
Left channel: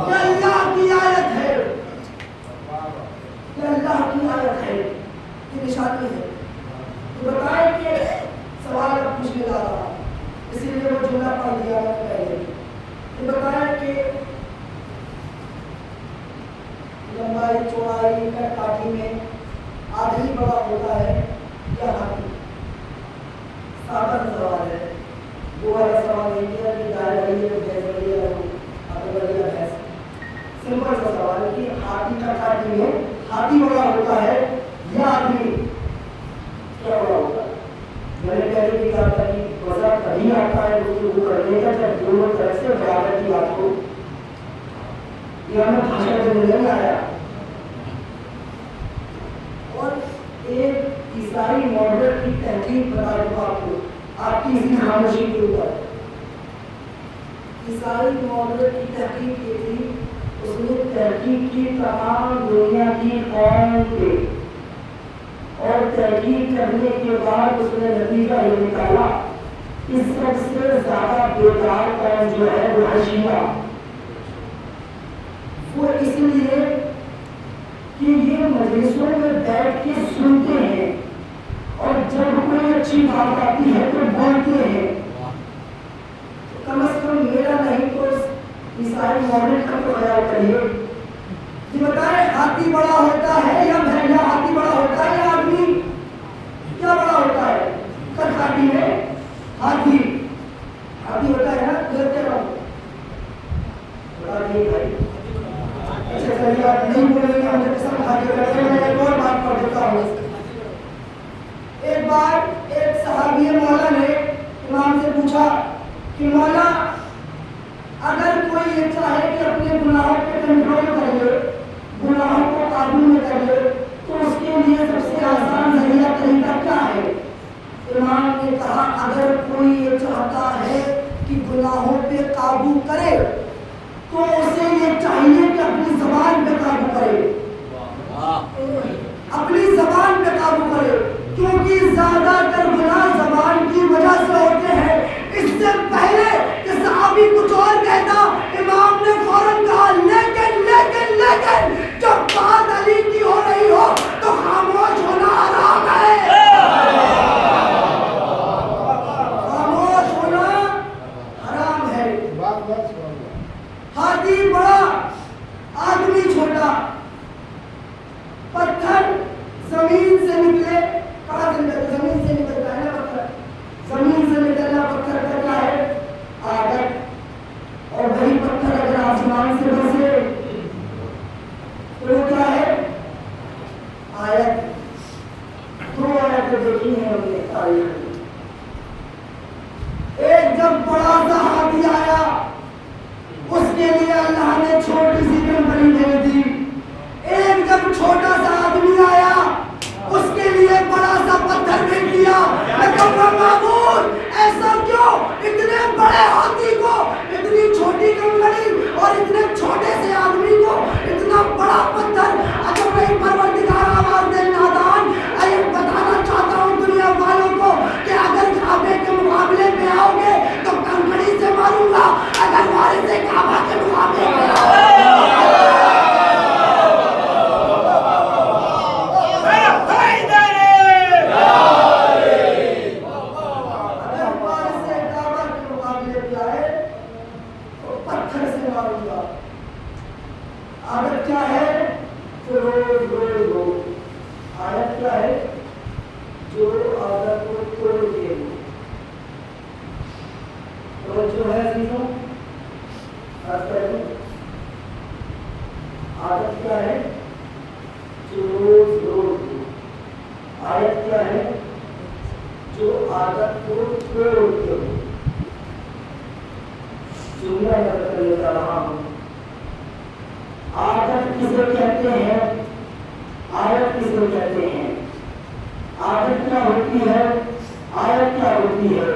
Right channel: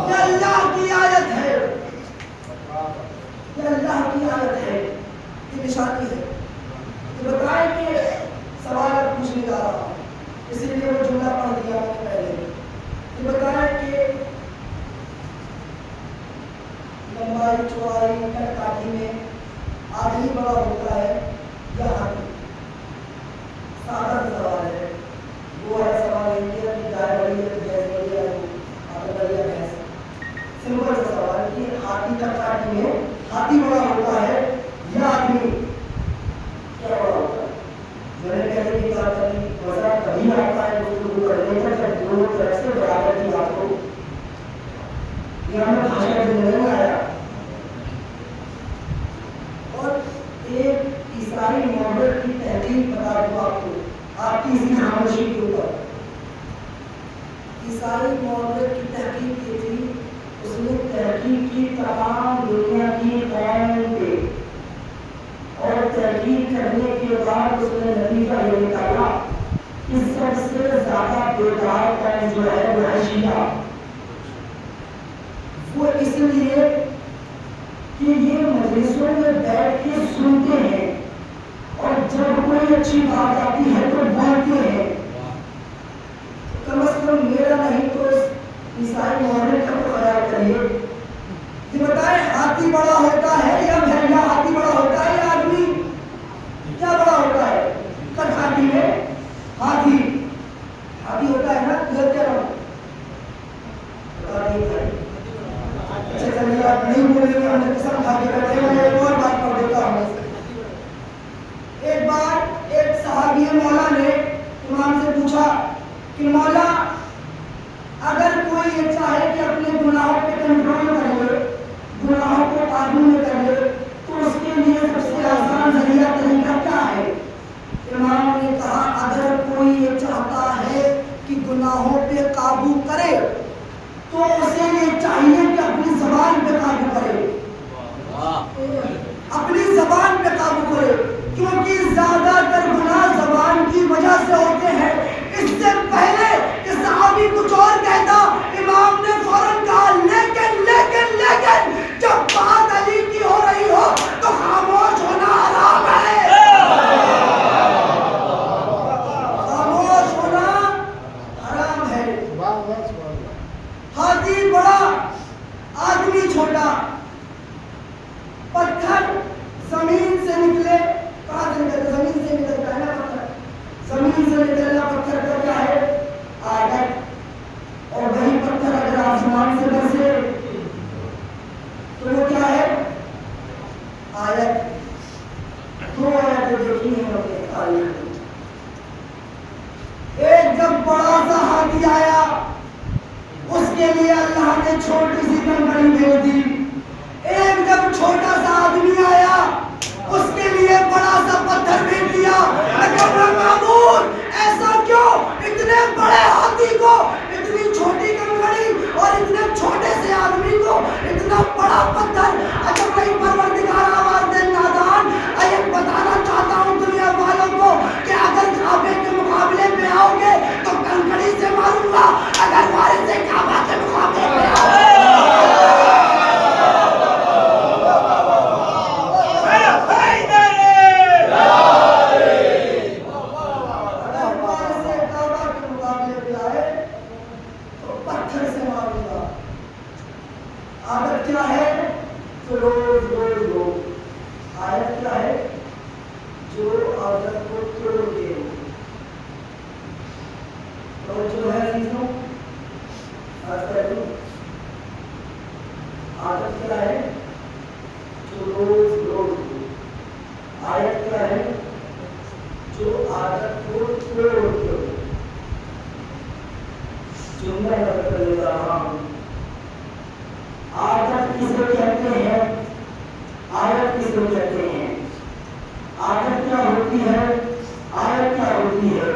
یہ اللہ کی آیت ہے، یہ اللہ کی آیت ہے، یہ نشانی ہے۔ تو بتائیں کہ سوال اب پوچھنے جا رہا ہوں، اسی لیے وہ جملہ پڑھ دیا میں نے پہلے، یہ بتائیں کہ لمبائی چوڑائی کا کاٹھی میں آدمی بڑا ہوتا ہے یا ہاتھی؟ سادہ سوال ہے، وہ والا سوال نہیں کیا کہ گائے بڑی ہے تو بھینس بڑی ہے اور بڑی ہے بھینس، سمپل سا سوال ہے کہ ہاتھی کا کاٹھی میں ہاتھی بڑا ہوتا ہے یا آدمی کیا بڑا ہوتا ہے؟ میں نے پہلے بھی کہا تھا کہ مزہ کبھی آتا ہے گفتگو کرنے کا جب دونوں طرف سے برابر کی بات ہو، یہ ہمیں بھاشا کا نہیں آیا۔ اور ایک عیسائی ماڈل کی تحقیق بتا دوں آپ کو، آپ کی اسی خاموشی کے اوپر، عیسائی ماڈل کی تحقیق یہ تھی، اس نے تحقیق کی تمام دنیا کی قوم پہ، اور تحقیق کرنے کے بعد اس نے نتیجہ یہ نکالا کہ سب سے زیادہ بیدار قوم جو ہے وہ ہے شیعہ۔ وہ اس لیے کہ یہ مجلسوں میں بیٹھ کے سنتے ہیں اور جب کوئی اچھی بات آتی ہے تو بولتے ہیں، کم از کم میرا نہیں تو اس عیسائی ماڈل کا تو خیال کریے۔ یہ بتائیں ہاتھی بڑا ہوتا ہے یا بھیڑیا؟ ہاتھی بڑا ہوتا ہے یا آدمی؟ کیا بڑا ہوتا ہے؟ کٹکاٹی میں ہاتھی ہوتا ہے نا، دیکھتے رہو بتا نہیں بھائی، اچھا چلیے آپ نہیں بولیں گے، ہم قسم کھا کے کہتے ہیں۔ میں ایک اور بات پڑھ دیتا ہوں۔ ایک بار ایک صحابی مولا نے امام سے پوچھا کہ مولا اگر کوئی یہ چاہے کہ اپنے گناہوں پہ کنٹرول کر لے، گناہوں کو قابو میں کر لے، تو اس کے لیے سب سے آسان ذریعہ طریقہ کیا ہے؟ امام نے کہا اگر کوئی یہ چاہتا ہے کہ گناہوں پہ قابو کرے تو اسے یہ چاہیے کہ اپنی زبان پہ قابو کرے، اپنی زبان پہ قابو کرے، کیونکہ زیادہ تر گناہ زبان کی وجہ سے ہوتے ہیں۔ اس سے پہلے کہ صحابی کچھ اور کہتا، امام نے فوراً کہا لیکن لیکن لیکن جب بات علی کی ہو رہی ہو تو خاموش ہونا حرام ہے، خاموش ہونا حرام ہے۔ ہاتھی بڑا آدمی چھوٹا، پتھر زمین سے نکلے، کہاں سے نکلے؟ زمین سے نکلتا ہے نا پتھر، زمین سے نکلنا پتھر کا کیا ہے؟ عادت، اور وہی پتھر اگر آسمان سے برسے تو وہ کیا ہے؟ آیت۔ دو آیتیں دیکھی ہیں ہم نے تاریخ میں، ایک جب بڑا سا ہاتھی آیا اس کے لیے اللہ نے چھوٹی سی کمپنی بھیج دی، ایک جب چھوٹا سا آدمی آیا اس کے لیے بڑا سا پتھر بھیج دیا۔ میں کہوں گا معمول ایسا کیوں؟ اتنے بڑے ہاتھی کو اتنی چھوٹی کنکڑی اور اتنے چھوٹے سے آدمی کو اتنا بڑا پتھر؟ اجب نہیں پروردگار آواز دے نادان، یہ بتانا چاہتا ہوں دنیا والوں کو کہ اگر کعبے کے مقابلے میں آؤ گے تو کنکڑی سے ماروں گا، اگر وارث کعبہ کے مقابلے میں آؤ گے عادت کیا ہے؟ تو روز روز روز عادت کیا ہے؟ جو عادت کو توڑ کے، اور جو ہے عزیزوں عادت کیا ہے؟ جو روز روز عادت کیا ہے؟ جو عادت کو توڑ کے، جملہ یاد کر لیتا ہوں۔ عادت کسے کہتے ہیں؟ عادت کسے کہتے ہیں؟ عادت کیا ہوتی ہے؟ عادت کیا ہوتی ہے؟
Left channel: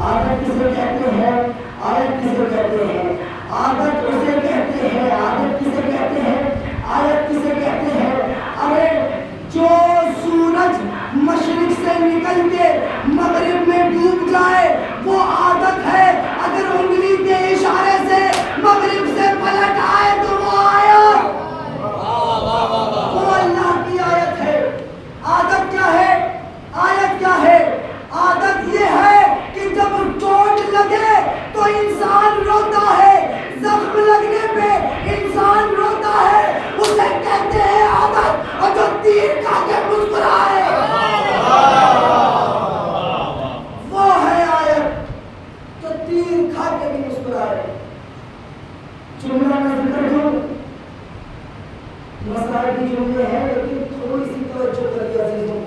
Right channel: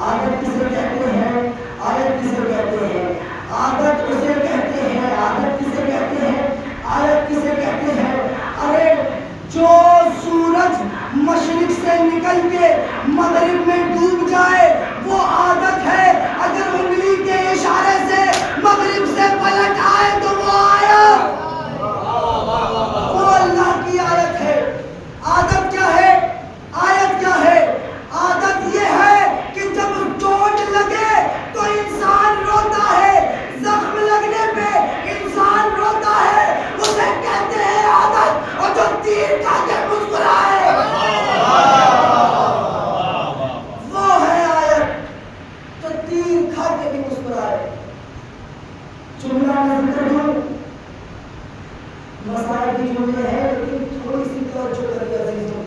عادت کسے کہتے ہیں؟ عادت کسے کہتے ہیں؟ عادت اسے کہتے ہیں، عادت کسے کہتے ہیں؟ عادت کسے کہتے ہیں؟ ارے جو سورج مشرق سے نکل کے مغرب مغرب میں ڈوب جائے وہ عادت ہے، اگر انگلی کے اشارے سے مغرب سے پلٹ آئے تو وہ آیت، وہ اللہ کی آیت ہے۔ عادت کیا ہے؟ آیت کیا ہے؟ عادت یہ ہے کہ جب چوٹ لگے تو انسان روتا ہے، زخم لگنے پہ انسان روتا ہے، اسے کہتے ہیں عادت، اور جو تیر کھا کے مسکرائے وہ ہے آیت، جو تیر کھا کے بھی مسکرائے۔ جملہ میں ذکر دوں، مسائل کی جملے ہیں لیکن تھوڑی سی توجہ کریے عزیزوں۔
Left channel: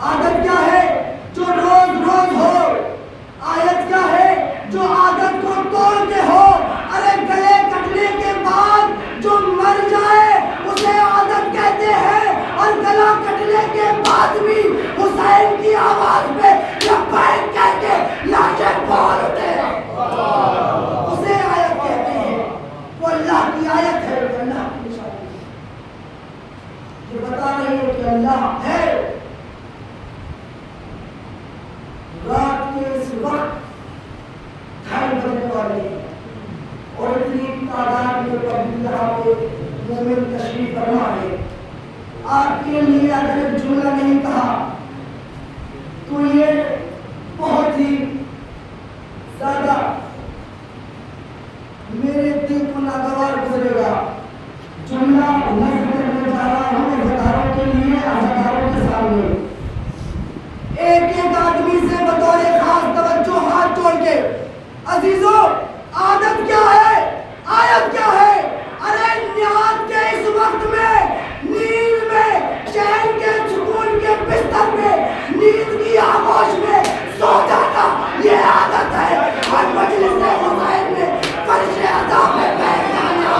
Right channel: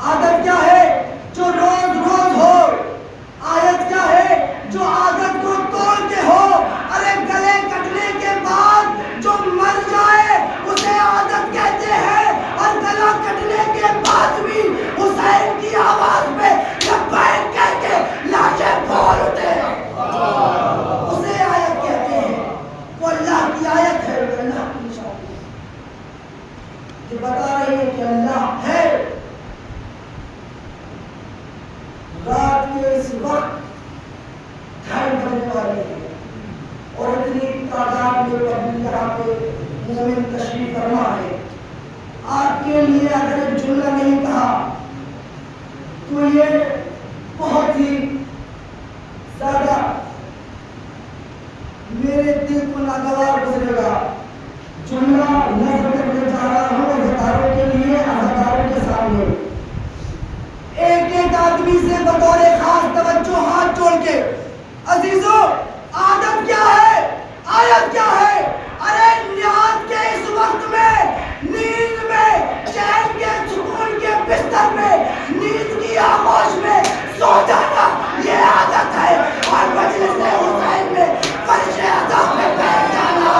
عادت کیا ہے؟ جو روز روز ہو۔ آیت کیا ہے؟ جو عادت کو توڑ کے ہو۔ ارے گلے کٹنے کے بعد جو مر جائے اسے عادت کہتے ہیں، اور گلا کٹنے کے بعد بھی حسین کی آواز پہ لبیک کہہ کے لاشیں بول اٹھے، اسے آیت کہتے ہیں۔ وہ اللہ کی آیت ہے، وہ اللہ کی نشانی ہے، یہ بتا رہی ہے کہ اللہ ہے۔ رات کے اس وقت 2:30 بجنے والے ہیں اور اتنی تعداد میں پبلک یہاں پہ مومن تشریف فرما ہے۔ آپ کے لیے اگر ایک جملہ نہیں کہا تو یہ بہت ہی زیادہ میرے دل کو ناگوار گزرے گا۔ جملہ نظر کرنے جا رہا ہوں ہزاروں کے لیے، ہزاروں کے سامنے۔ ایک ایک آدمی سے بطور خاص توجہ ہاتھ جوڑ کے، عزیزو عادت کیا ہے؟ آیت کیا ہے؟ ارے نیاد کے اس وقت میں، نیند میں، چین کے سکون کے بستر میں، نیند کی آغوش میں سو جانا یہ عادت ہے، اور مجلس حسین میں فرش ادا پہ بیٹھ جانا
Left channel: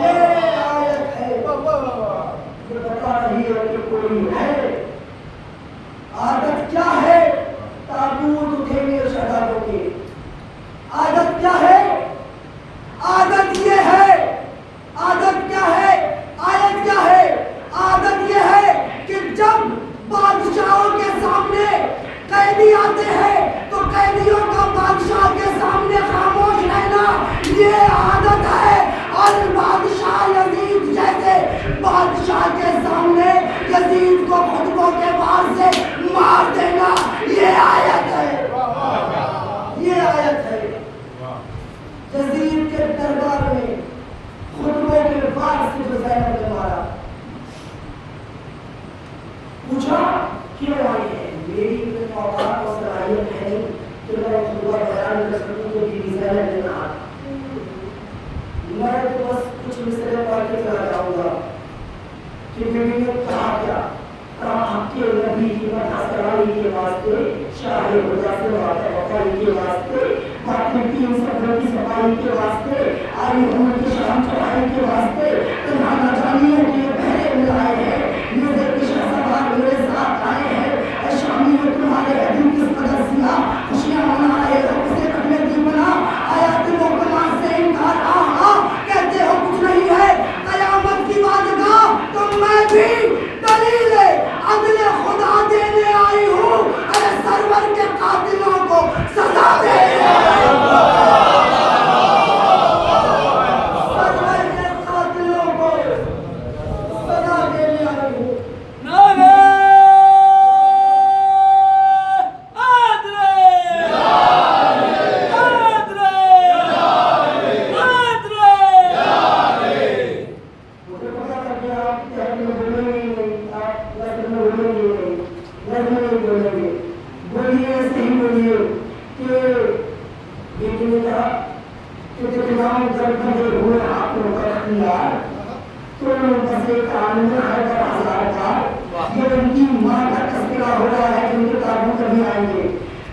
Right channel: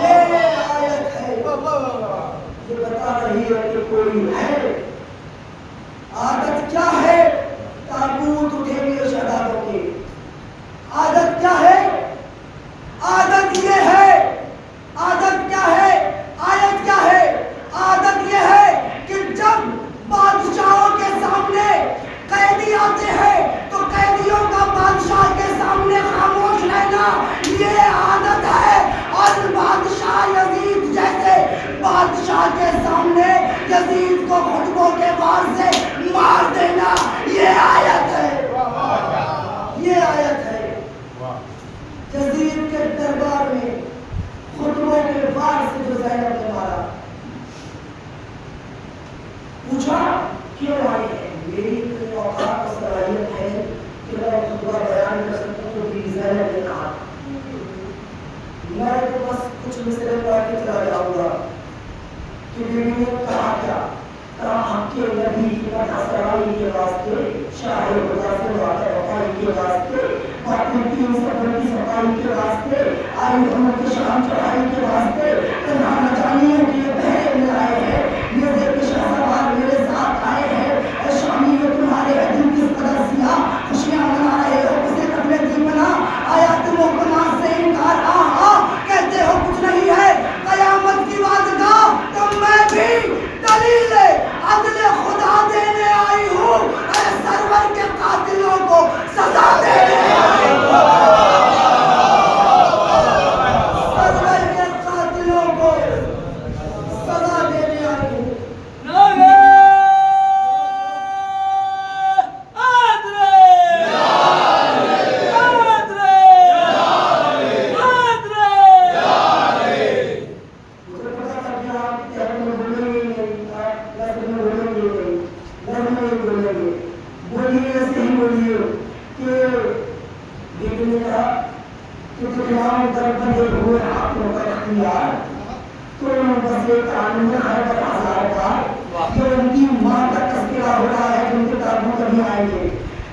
یہ آیت ہے، یہ بتا رہی ہے کہ کوئی ہے۔ عادت کیا ہے؟ تابوت اٹھے ہوئے شہداؤں کے۔ عادت کیا ہے؟ عادت یہ ہے۔ عادت کیا ہے؟ آیت کیا ہے؟ عادت یہ ہے کہ جب بادشاہوں کے سامنے قیدی آتے ہیں تو قیدیوں کا بادشاہ کے سامنے خاموش رہنا یہ عادت ہے، اور بادشاہ یزید جیسے بادشاہ کے سامنے یزید کو خطبوں کے وار سے مار دینا یہ آیت ہے، یہ آیت ہے۔ یزید کے دربار میں خطبوں کے وار سے جو زینب نے مارا، پوچھا کیوں آئی ہے؟ میری اتنی اوقات اور صلاحیت ہے کہ میں خطبہ بیان کر سکوں تو بیوی زینب نے کہا میں تو بس کچھ مسئلے پڑھ کے چلا جاؤں گا کہ بیوی نے کہا کیا؟ کہا حق کے نبی کی حسرائی کے واسطے، شاہ خدا سے وفائی کے واسطے، باقی 330 صفائی کے واسطے، آئی محمد کی شان چڑھائی کے واسطے، تنہا نجانیوں کے بہرے ملائے ہیں، میرے کے شہزادار میرے ساتھ آئے ہیں، اے شامیوں تمہارے دل کس قدر سیاہ خوشیاں منا رہے ہو، کسے کٹنے دی بنا آیات محکمات سے انکار کہتے ہو کچھ نہیں ہے، قیامت کی وعدگاہ تو میں بھی دلیل عدل خدا دینے آئی ہوں، ارے سرور کے قاتلوں کو سزا دینے آئی ہوں، سرور کے قاتلوں کو سزا دینے آئی ہوں۔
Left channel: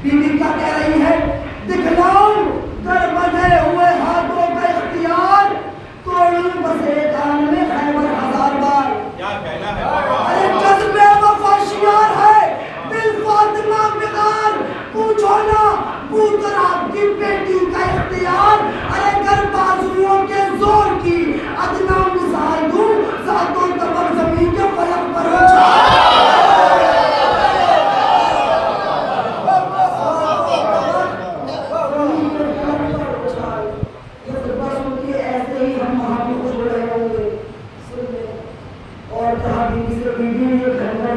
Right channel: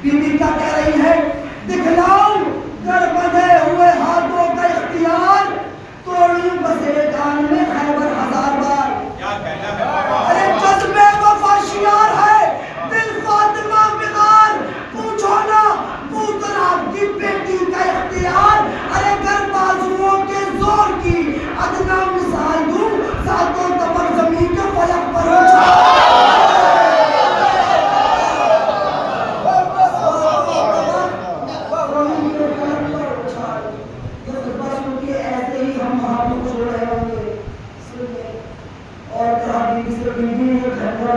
بیوی کیا کہہ رہی ہے؟ دکھلاؤں گر بندھے ہوئے ہاتھوں کا اختیار، توڑوں بسے کان میں خیبر 1000 بار۔ ارے جذبے وفا شیار ہے دل فاطمہ بغار، پوچھو نا پوترا کی بیٹی کا اختیار، ارے گر بازوؤں کے زور کی ادنا مثال دوں، ساتوں طبق زمین کے فلک پر اچھا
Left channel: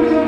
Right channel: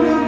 Thank you.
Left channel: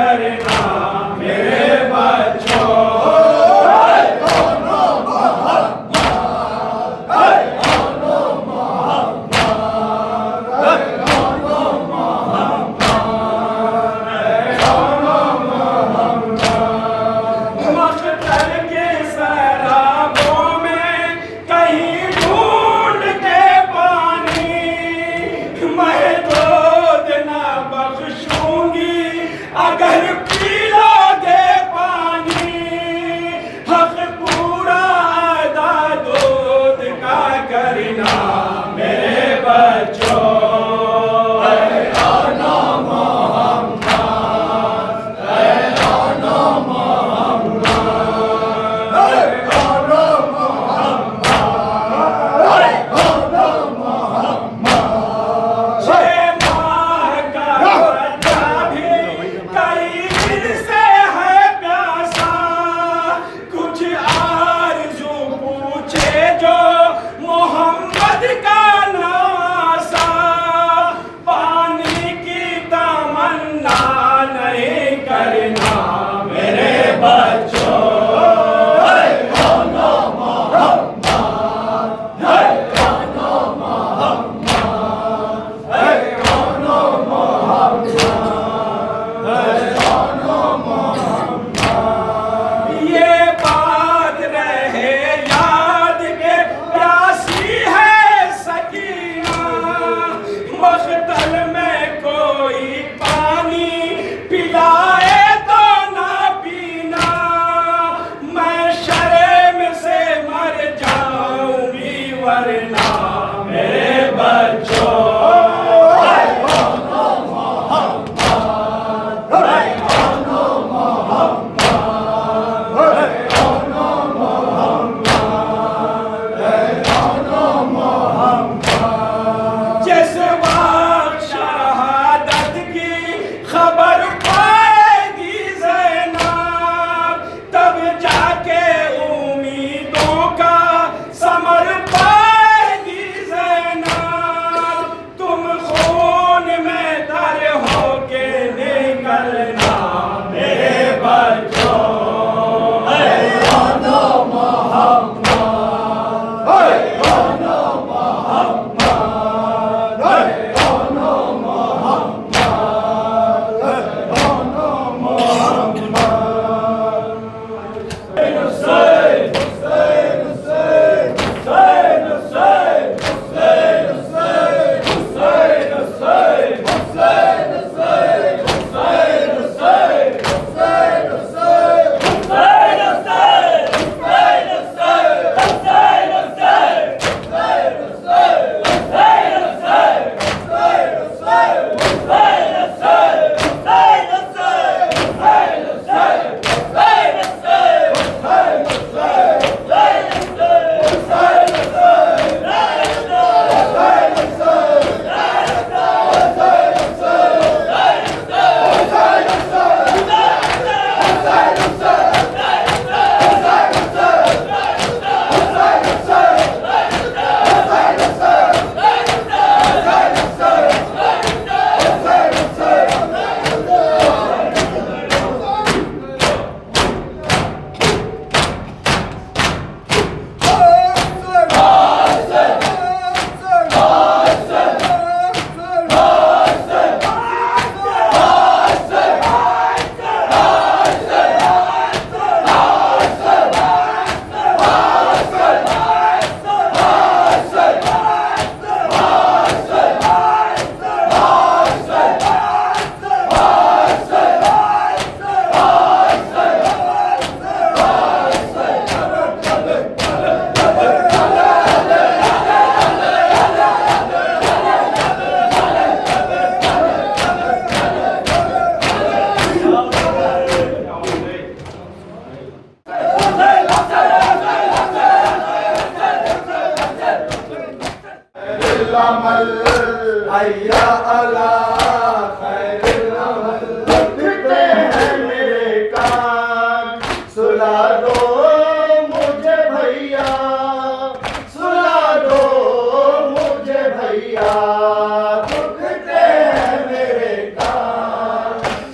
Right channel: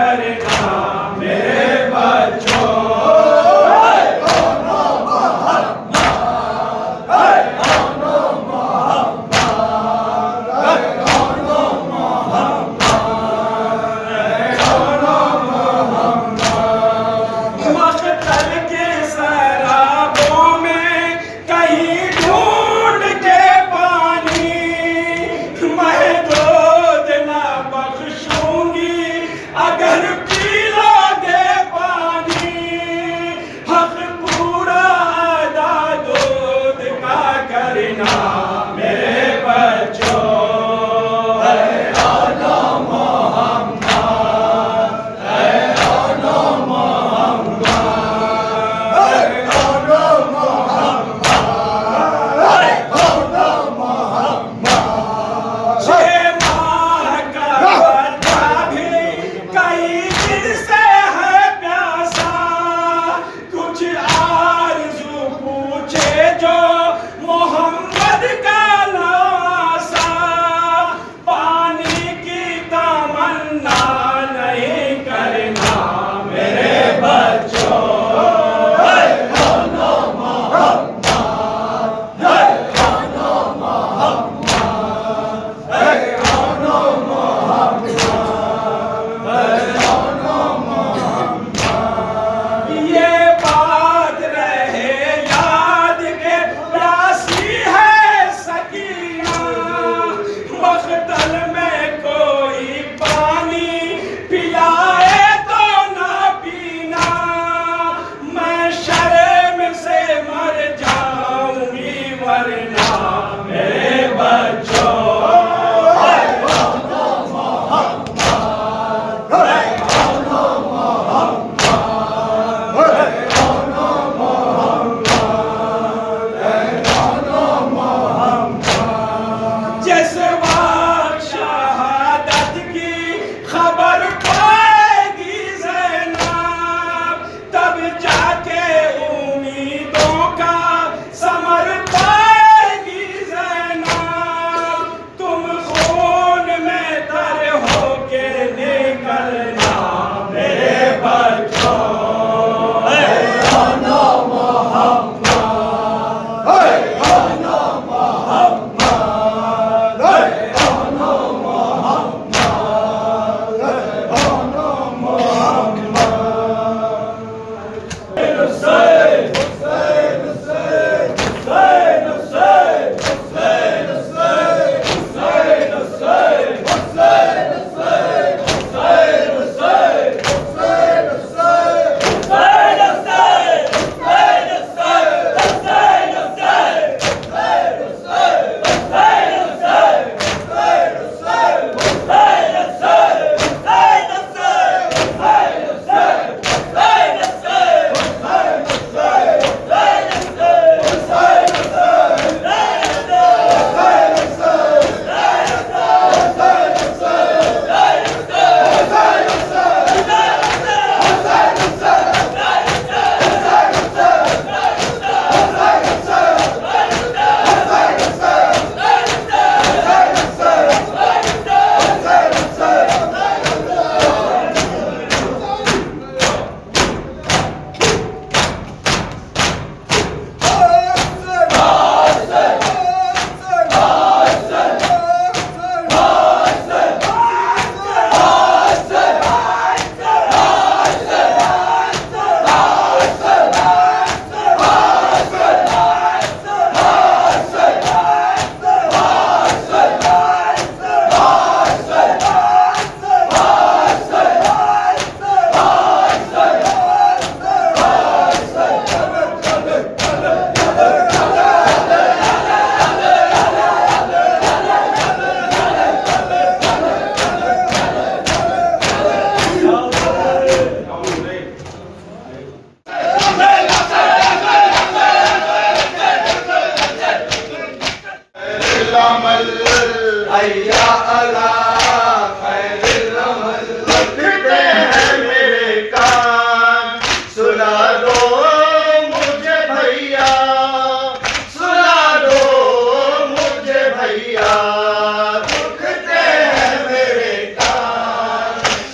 کرنا میرے بچوں اگر پیلا گے پانی حق پورا ادا دودھ کا کرنا میرے بچوں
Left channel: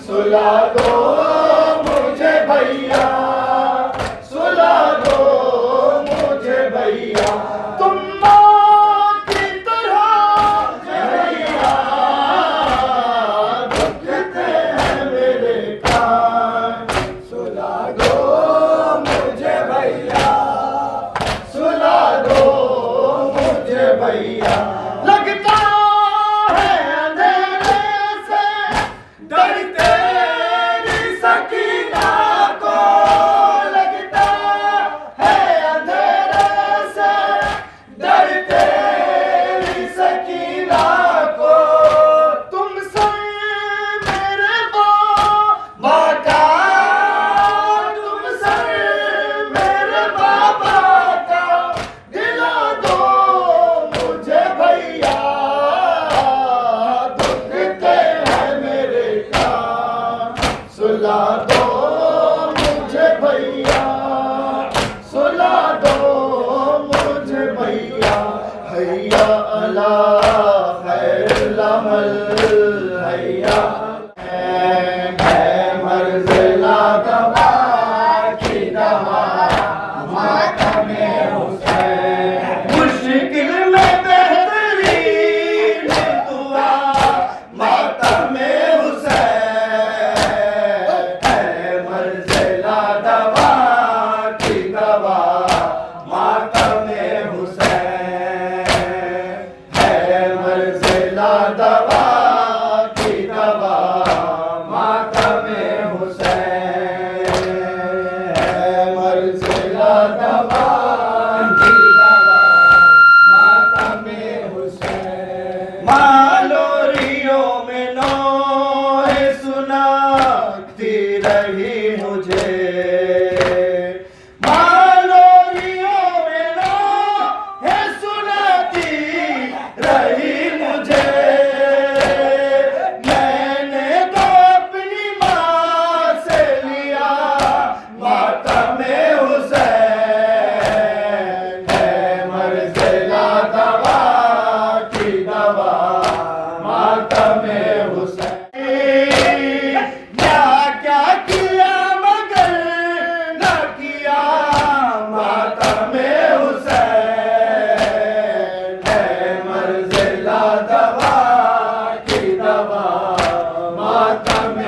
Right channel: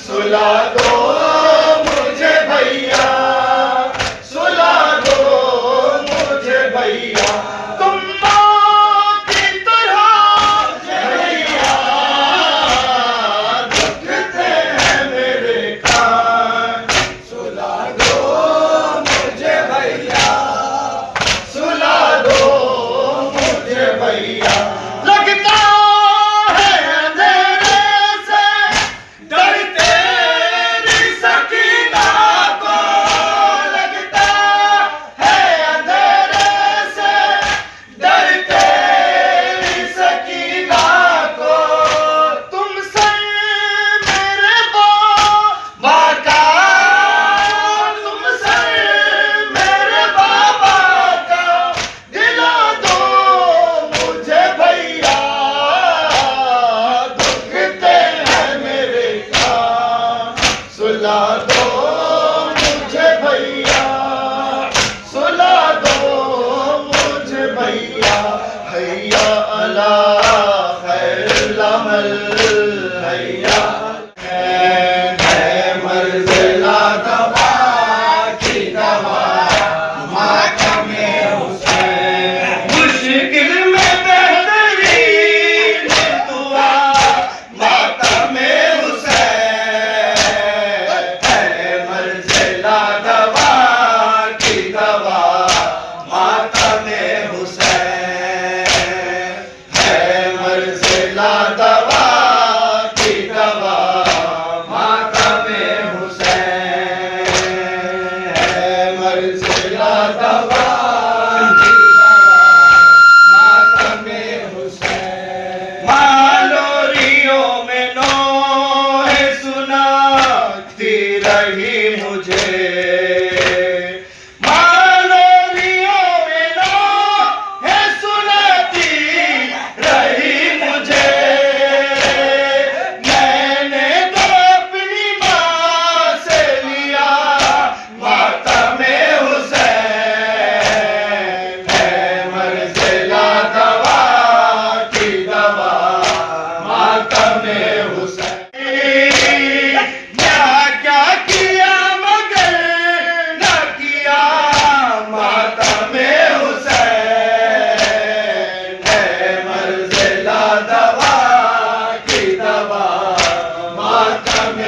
سلا دو دو مجھے بھیا، سلا دو مجھے بھیا، حیا علی خیر العمل، حیا ہے مرض لا دوا کی دوا ماتم حسین، مشکل میں بہترین دعا ماتم حسین، ہے مرض لا دوا کی دوا ماتم حسین، ہے مرض لا دوا کی دوا ماتم حسین، ہے مرض لا دوا کی دوا ماتم حسین، مالوریوں میں نوح سناتی رہی مجھے، مالوریوں میں نوح سناتی رہی مجھے، میں نے تو اپنی ماں سے لیا ماتم حسین، ہے مرض لا دوا کی دوا ماتم حسین، کیا کیا مگر نہ کیا ماتم حسین، ہے مرض لا دوا کی دوا ماتم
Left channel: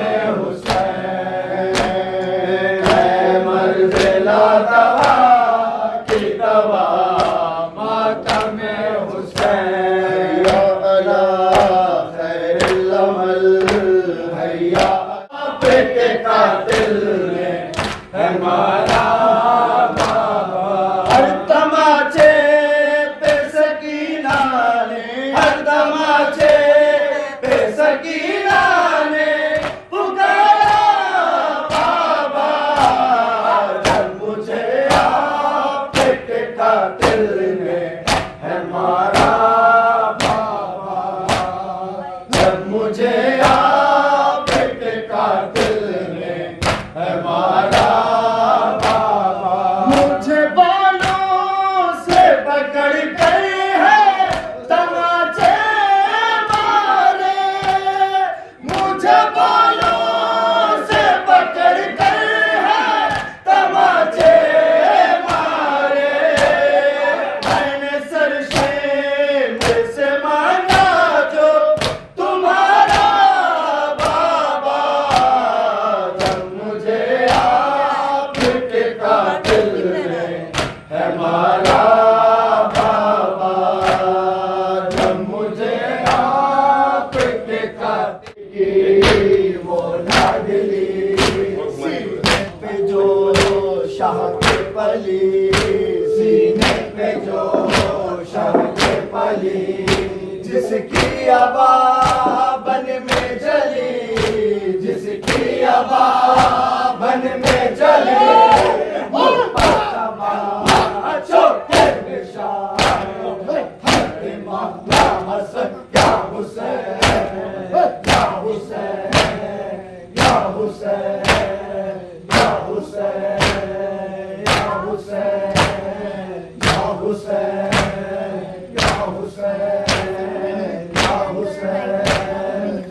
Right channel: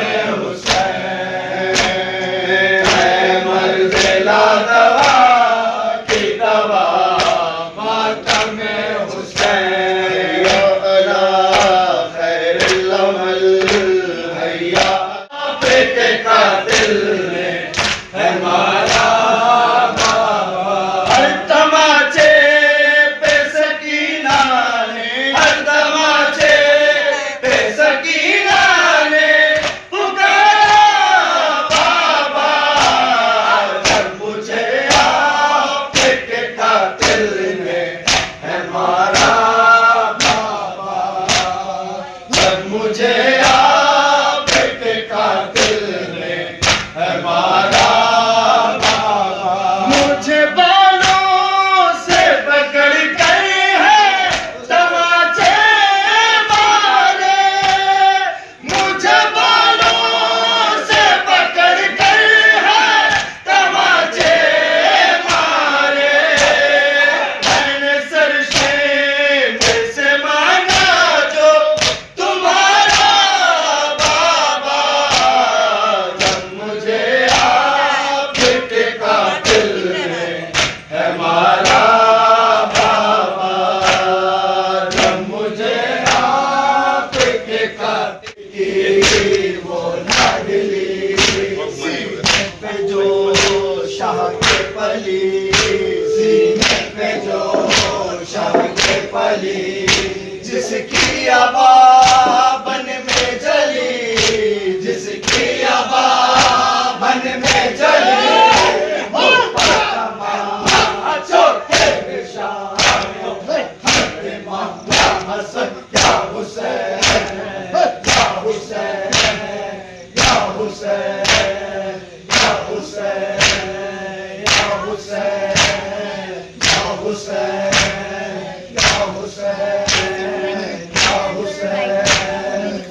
حسین، ہے مرض لا دوا کی دوا ماتم حسین، حیا علی خیر العمل، حیا آپ کے قاتل نے ہے مارا بابا، ہر تماچے پہ سکینہ نے، ہر تماچے پہ سکینہ نے پکارا بابا، جب مجھے آپ کے قاتل نے ہے مارا بابا، جب مجھے آپ کے قاتل نے ہے مارا بابا، مجھے بالوں سے پکڑ کر ہے تماچے مارے، مجھے بالوں سے پکڑ کر ہے تماچے مارے، میں نے سر شیم سے مانگا جو تمہارا بابا، جب مجھے آپ کے قاتل نے ہے مارا بابا، جب مجھے آپ کے قاتل کی وہ لاڈلی سینے پہ جو شاہ کے پلی، سینے پہ جو شاہ کے پلی، جس کی آبا بن میں جلی، جس کی آبا بن میں جلی، وہ فاطمہ چھوٹے نشان، امام یا حسن یا حسین، یا حسین، یا حسین، یا حسین، یا حسین، یا حسین، یا حسین، یا حسین۔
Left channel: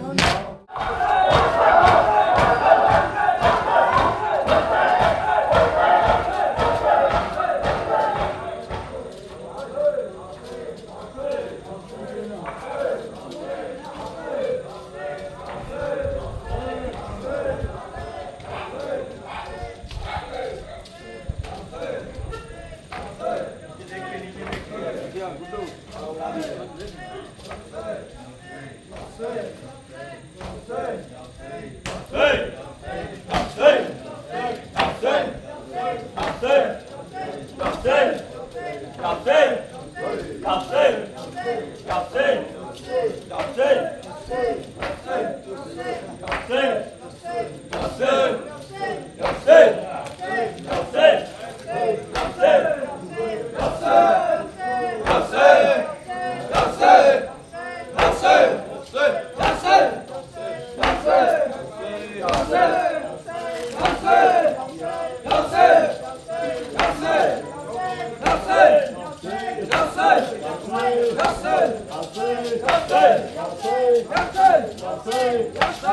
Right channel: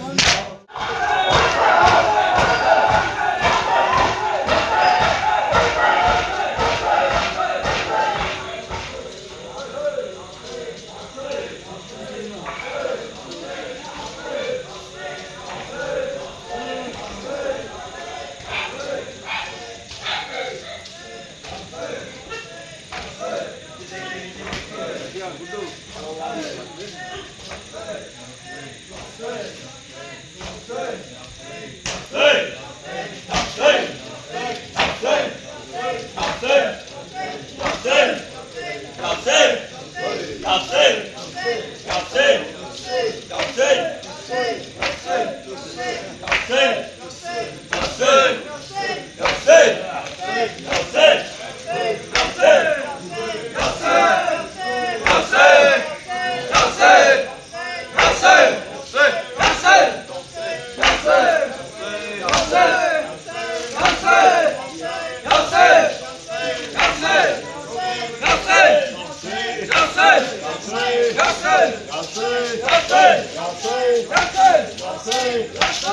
Yasin!